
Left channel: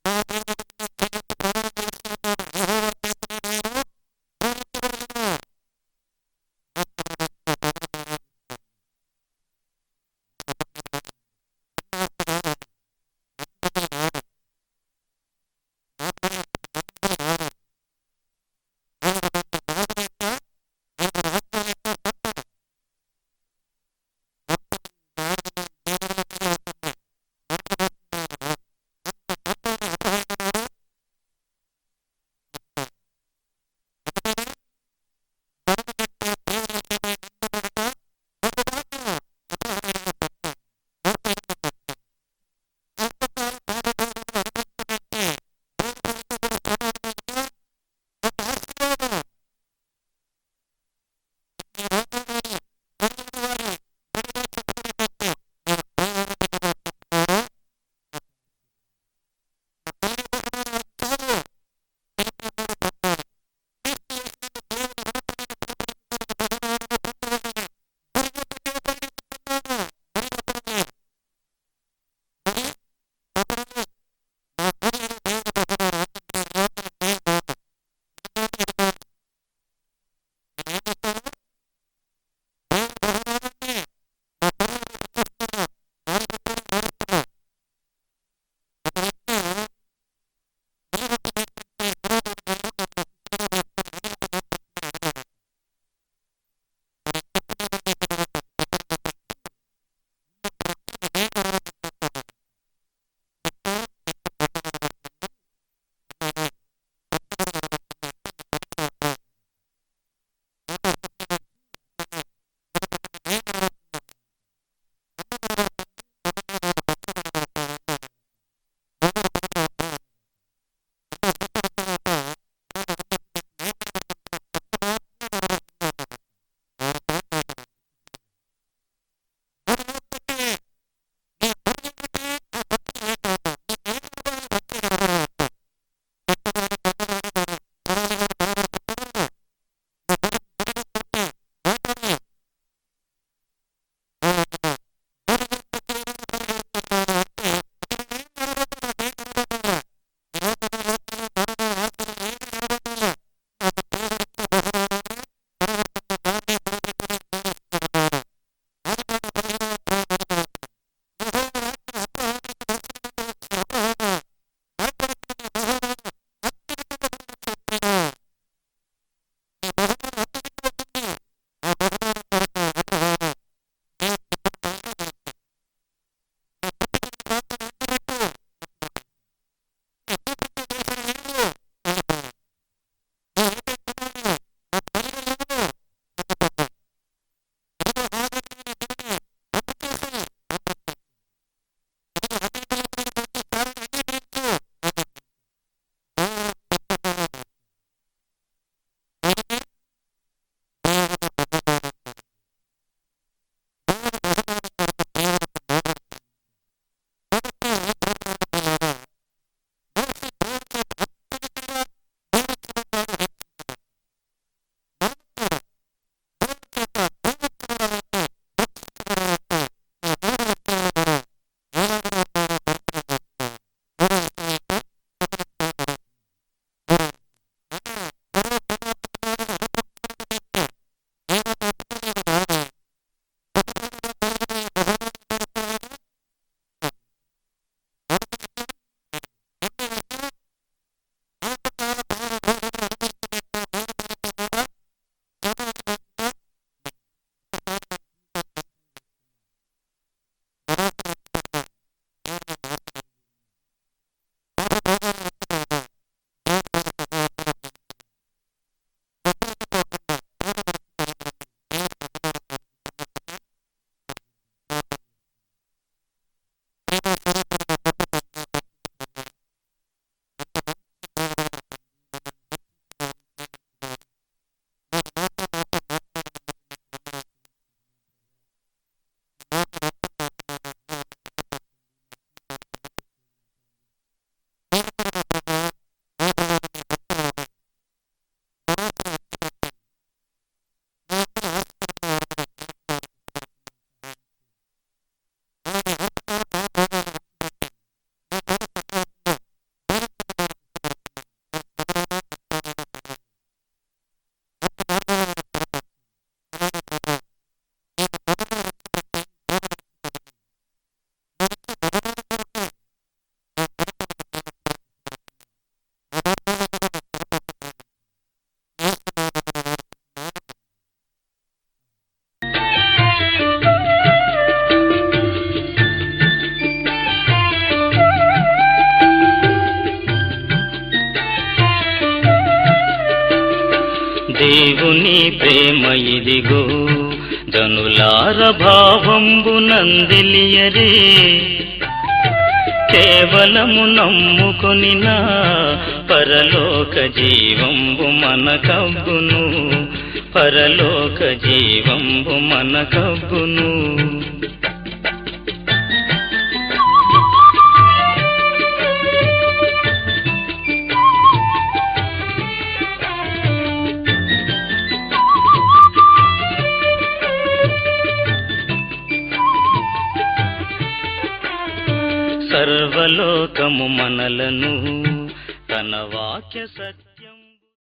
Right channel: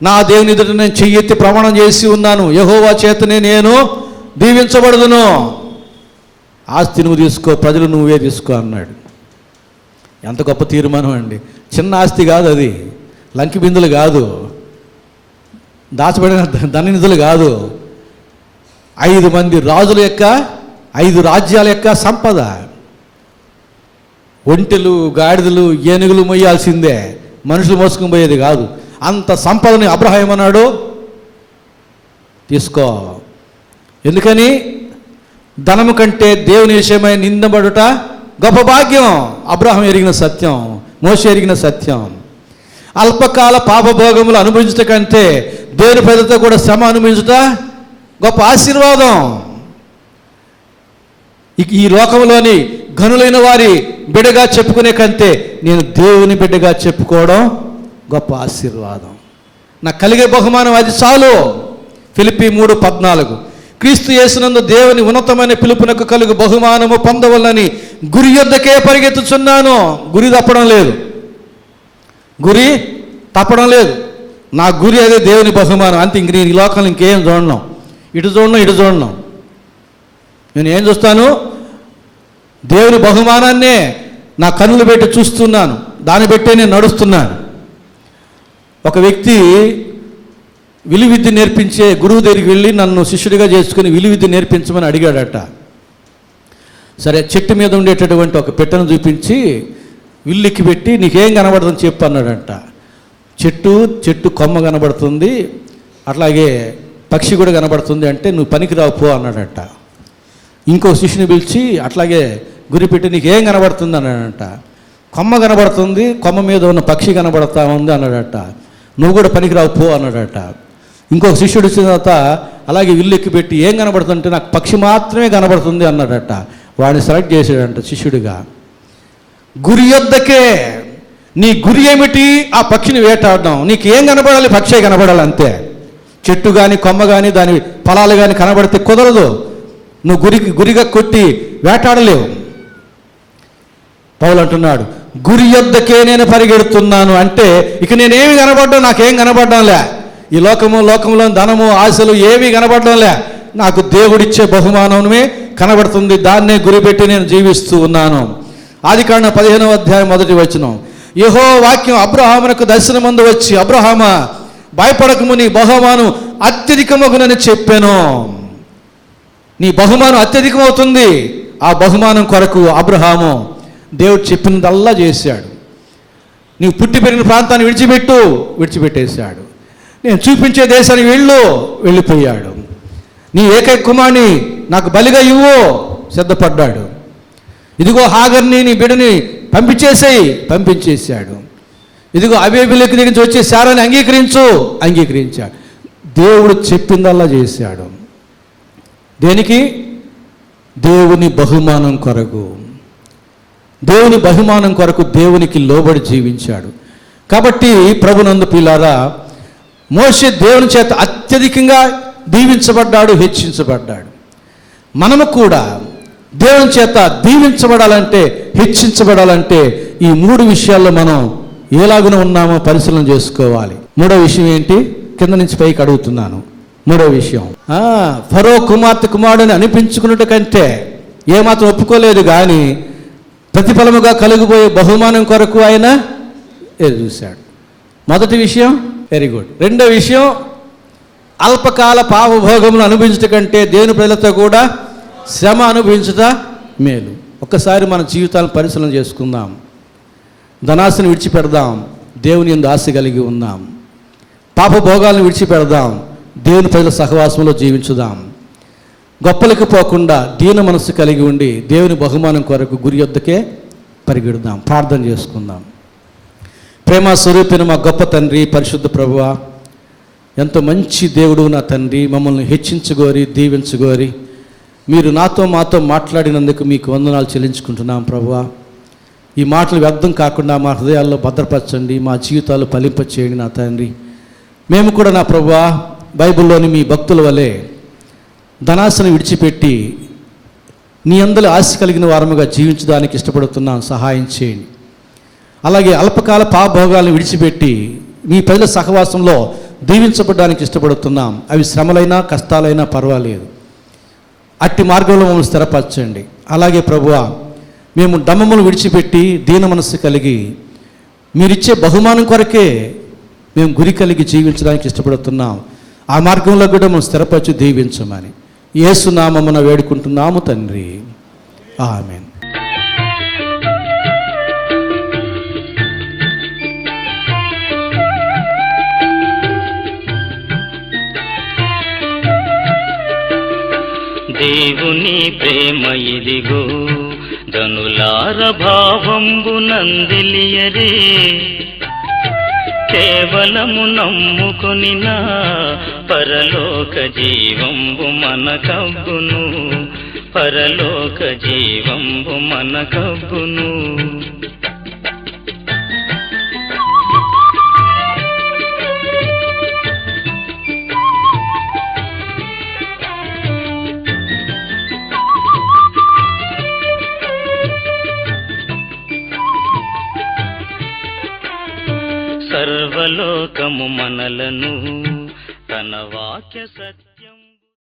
నా దేవుని ఎదుట నేను చెయ్యెత్తి ప్రమాణం చేసి ఉన్నాను, యెహోవా చేతనే నేను దీవించబడదును. ఆస్తి నువ్వు తీసుకో, ప్రజలు నువ్వే తీసుకో అన్నాడు. ఎంత గొప్ప తీర్మానం అండి. చిన్న ఆస్తి కాదు అది, లంకి బిందులు కాదు, దాచబడిన ధననిధులు కాదు, 5 మంది రాజుల యొక్క 5 రాజ్యాల యొక్క సంపద. ఒంటెలు, గాడిదలు, ఏనుగులు మొయ్యాల్సిందే, మనుషులు మోసుకుని పోయేది కాదు. అంత సంపదని అబ్రహాం అన్నాడు, తీసుకో. ఎందుకని? ధనము కంటే దేవుని విషయమై నిందబడుట గొప్ప భాగ్యం. అబ్రహాం ఎరిగిన సత్యం, మోషే ఎరిగిన సత్యం. అల్పకాల పాపభోగములు అనుభవించట కంటే దేవుని ప్రజలతో కూడా శ్రమ అనుభవించుట గొప్ప ఆశీర్వాదం. ఈ లోకంలోని ఘనులైన వారి బిడ్డగా చెప్పుకునే కంటే నేను దేవుని బిడ్డగా చెప్పుకోవడం గొప్ప ఆశీర్వాదం. నాకు కలిగే బహుమానం అది చాలు. ఫిలిప్పీ 3:14 క్రీస్తు యేసునందు దేవుని ఉన్నతమైన పిలుపునకు కలుగు బహుమానము పొందవలని గురి యొద్దకే పరిగెత్తుచున్నాను. గురి తప్పడం లేదు, గురి తప్పడం లేదు. నా గురి అదే, దేవుని బహుమానం. అంతే. ఇంక నేను ఈ లోకంలో ఇంకేం చూడను, ఇటు చూడను. నేను ఏం చూస్తాను? దేవుని బహుమానాన్నే నా కన్నులు పెట్టి చూస్తున్నాను, దాన్ని బట్టే నేను నడుస్తున్నాను. ఒక వ్యక్తి విలువిద్య నేర్పించే గురువు దగ్గరికి వెళ్ళి నన్ను శిష్యుడిగా చేసుకుని విలువిద్య నేర్పించమని అడిగాడట. సరే, చెట్టు మీద ఉండేటటువంటి ఒక పెట్టెను చూపించి విల్లుకి పెట్టి నీకేం కనబడుతుందని చెప్పు అన్నాడంట. చెట్టు కొమ్మ కనబడుతుంది, అట్లాగే పక్షి కూడా కనబడుతుంది. అంటే నువ్వు పనికిరావు పో అన్నాడట. ఇంకో శిష్యుని పిలిచి అట్లాగే గురి పెట్టి నీకేం కనబడుతుంది అన్నాడంట. కొమ్మ కనబడుతుంది, కొమ్మ మీద ఉన్న పక్షి కనబడతా ఉంది అన్నాడట. నువ్వు కూడా పనికిరావు పో అన్నాడట. ఇంకొక శిష్యుడు వచ్చిన తర్వాత అలాగే విల్లు ఎక్కి పెట్టి ఏం కనబడుతుందంటే నాకు పక్షి మాత్రమే కనబడుతుంది అన్నాడట. వాడిని సెలెక్ట్ చేసాడంట శిష్యుడిగా. గురి యొద్దకే. నీ గురి ఏమిటి? ఆ పక్షిని వేటాడడం. నీకు ఏం కనబడాలి? పక్షే కనబడాలి, అంతే. చెట్టు కానీ కొమ్మ కానీ దాని ఫలాలు కానీ కనబడితే కుదరదు. నువ్వు గురిగా కొట్టి వేటాడలేవు. పౌలు అంటున్నాడు, గురి యొద్దకే నేను పరిగెడుతున్నాను. అంటే ఇక నేనేమి కనబడ్డా, నాకేం కనబడ్డంలే. ఈ లోకంలో ధనము ఆశలు ఏమీ కనబడ్డంలే. నాకు దేవుడిచ్చే బహుమానమే కనబడుతుంది. దాన్నే గురిపెట్టి నేను జీవిస్తూ ఉన్నాను. ఆదికాండం 15వ అధ్యాయం 1వ వచనం. యెహోవా వాక్యం అబ్రహామునకు దర్శనమందు వచ్చి, అబ్రహామా భయపడకము, నీ బహుమానం అత్యధికమగునని చెప్పాను. నీ బహుమానం అత్యధికమవుతుంది. ఆ బహుమానం కొరకు అబ్రహాము దేవుడు చెప్పినదల్లా చేశాడు. నీవు పుట్టి పెరిగిన ప్రాంతాన్ని విడిచిపెట్టేశాడు. నేను చూపించే దేశానికి వెళ్ళిపోయాడు. నీ ఏకైక కుమారుని నాకు బలిగా ఇవ్వు, సిద్ధపడ్డాడు. ఇదిగో హాగర్ని, నీ బిడ్డని పంపించేశాడు. ఇదిగో అబీమెలెకు దగ్గర నుంచి వచ్చే శారాన్ని అంగీకరించాడు. దేవుడు చెప్పిందల్లా చేశాడు. దేనికి? దేవుని బహుమానం కొరకు. దేవుని బహుమానం కొరకు దేవునికి లోబడి జీవించాడు. కాబట్టి ప్రభునందు ప్రియులారా, మోషే దేవుని చేత అత్యధికంగా దీవించబడ్డాడు, హెచ్చించబడ్డాడు. మనము కూడా దేవుని చేత దీవించబడాలంటే, హెచ్చించబడాలంటే ఈ 3 విషయాల్లో మనం ఎలాగున ఉన్నామో పరిశీలన చేసుకోవాలి. 3వ విషయం ఏంటి? కింద నుంచి పైకి అడుగుతున్నాను. 3వ విషయం, ఫరో కుమారుడిని అనిపించుకున్నట్టు కంటే ఏమాత్రం ఒప్పుకోలేదు, కానీ ప్రతిఫలముగా కలుగుబోయే బహుమానం కొరకు ఆయన చూశాడు. మొదటి విషయం, వెరీ గుడ్. 2వ విషయం, అల్పకాల పాపభోగమును అనుభవించట కంటే దేవుని ప్రజలతో కూడా శ్రమ అనుభవించుట మేలు. ఒక్కసారి మన జీవితాలను పరిశీలన చేసుకుందాం. ధనాశను విడిచిపెడదాం, దేవుని యందు ఆశ కలిగి ఉందాం. పాపభోగాలను విడిచిపెడదాం, దేవుని ప్రజల సహవాసంలో జీవించుదాం. గొప్పలకు పోకుండా దీన మనస్సు కలిగి ఉండి దేవుని బహుమానం కొరకు గురి యొద్దకే పరిగెడదాం. ప్రార్థన చేసుకుందాం. ప్రేమ స్వరూపిన మా గొప్ప తండ్రి, పరిశుద్ధ ప్రభువా, ఎంతో మంచి దేవుడు నా తండ్రి. మమ్మల్ని హెచ్చించుకోరి, దీవించుకోరి, మీరు మాతో మాట్లాడినందుకు మీకు వందనాలు చెల్లించుకుంటున్నాం ప్రభువా. ఈ మాటలు వ్యర్థం కాకుండా మా హృదయాల్లో భద్రపరచండి, మా జీవితాలు ఫలింపచేయండి నా తండ్రి. మేము కూడా నా ప్రభువా బైబిల్లోని మీ భక్తుల వలె ధనాశను విడిచిపెట్టి నీ అందరి ఆశ కలిగిన వారముగా జీవించడానికి ఇష్టపడుతున్నాం, సహాయం చేయండి. అలాగే అల్పకాల పాపభోగాలను విడిచిపెట్టి మీ ప్రజల సహవాసంలో దీవించబడడానికి ఇష్టపడుతున్నాం. అవి శ్రమలైనా కష్టాలైనా పర్వాలేదు. అట్టి మార్గంలో మమ్మల్ని స్థిరపరచండి. అలాగే ప్రభువా, మేము డమ్మములు విడిచిపెట్టి దీన మనస్సు కలిగి మీరిచ్చే బహుమానం కొరకే మేము గురి కలిగి జీవించడానికి ఇష్టపడుతున్నాం. ఆ మార్గంలో కూడా మేము స్థిరపరచి దీవించమని యేసు నామమున వేడుకుంటున్నాము తండ్రి, ఆమేన్. దేవుని ప్రేమ ఇదిగో, ధనులార భావంబు నందిలియరే కేవలము నమ్ముకొనినా పరలోక జీవంబు మనకబ్బును పరలోక జీవంబు మనకబ్బును సర్వలోకము మనలను తన వాక్య సత్య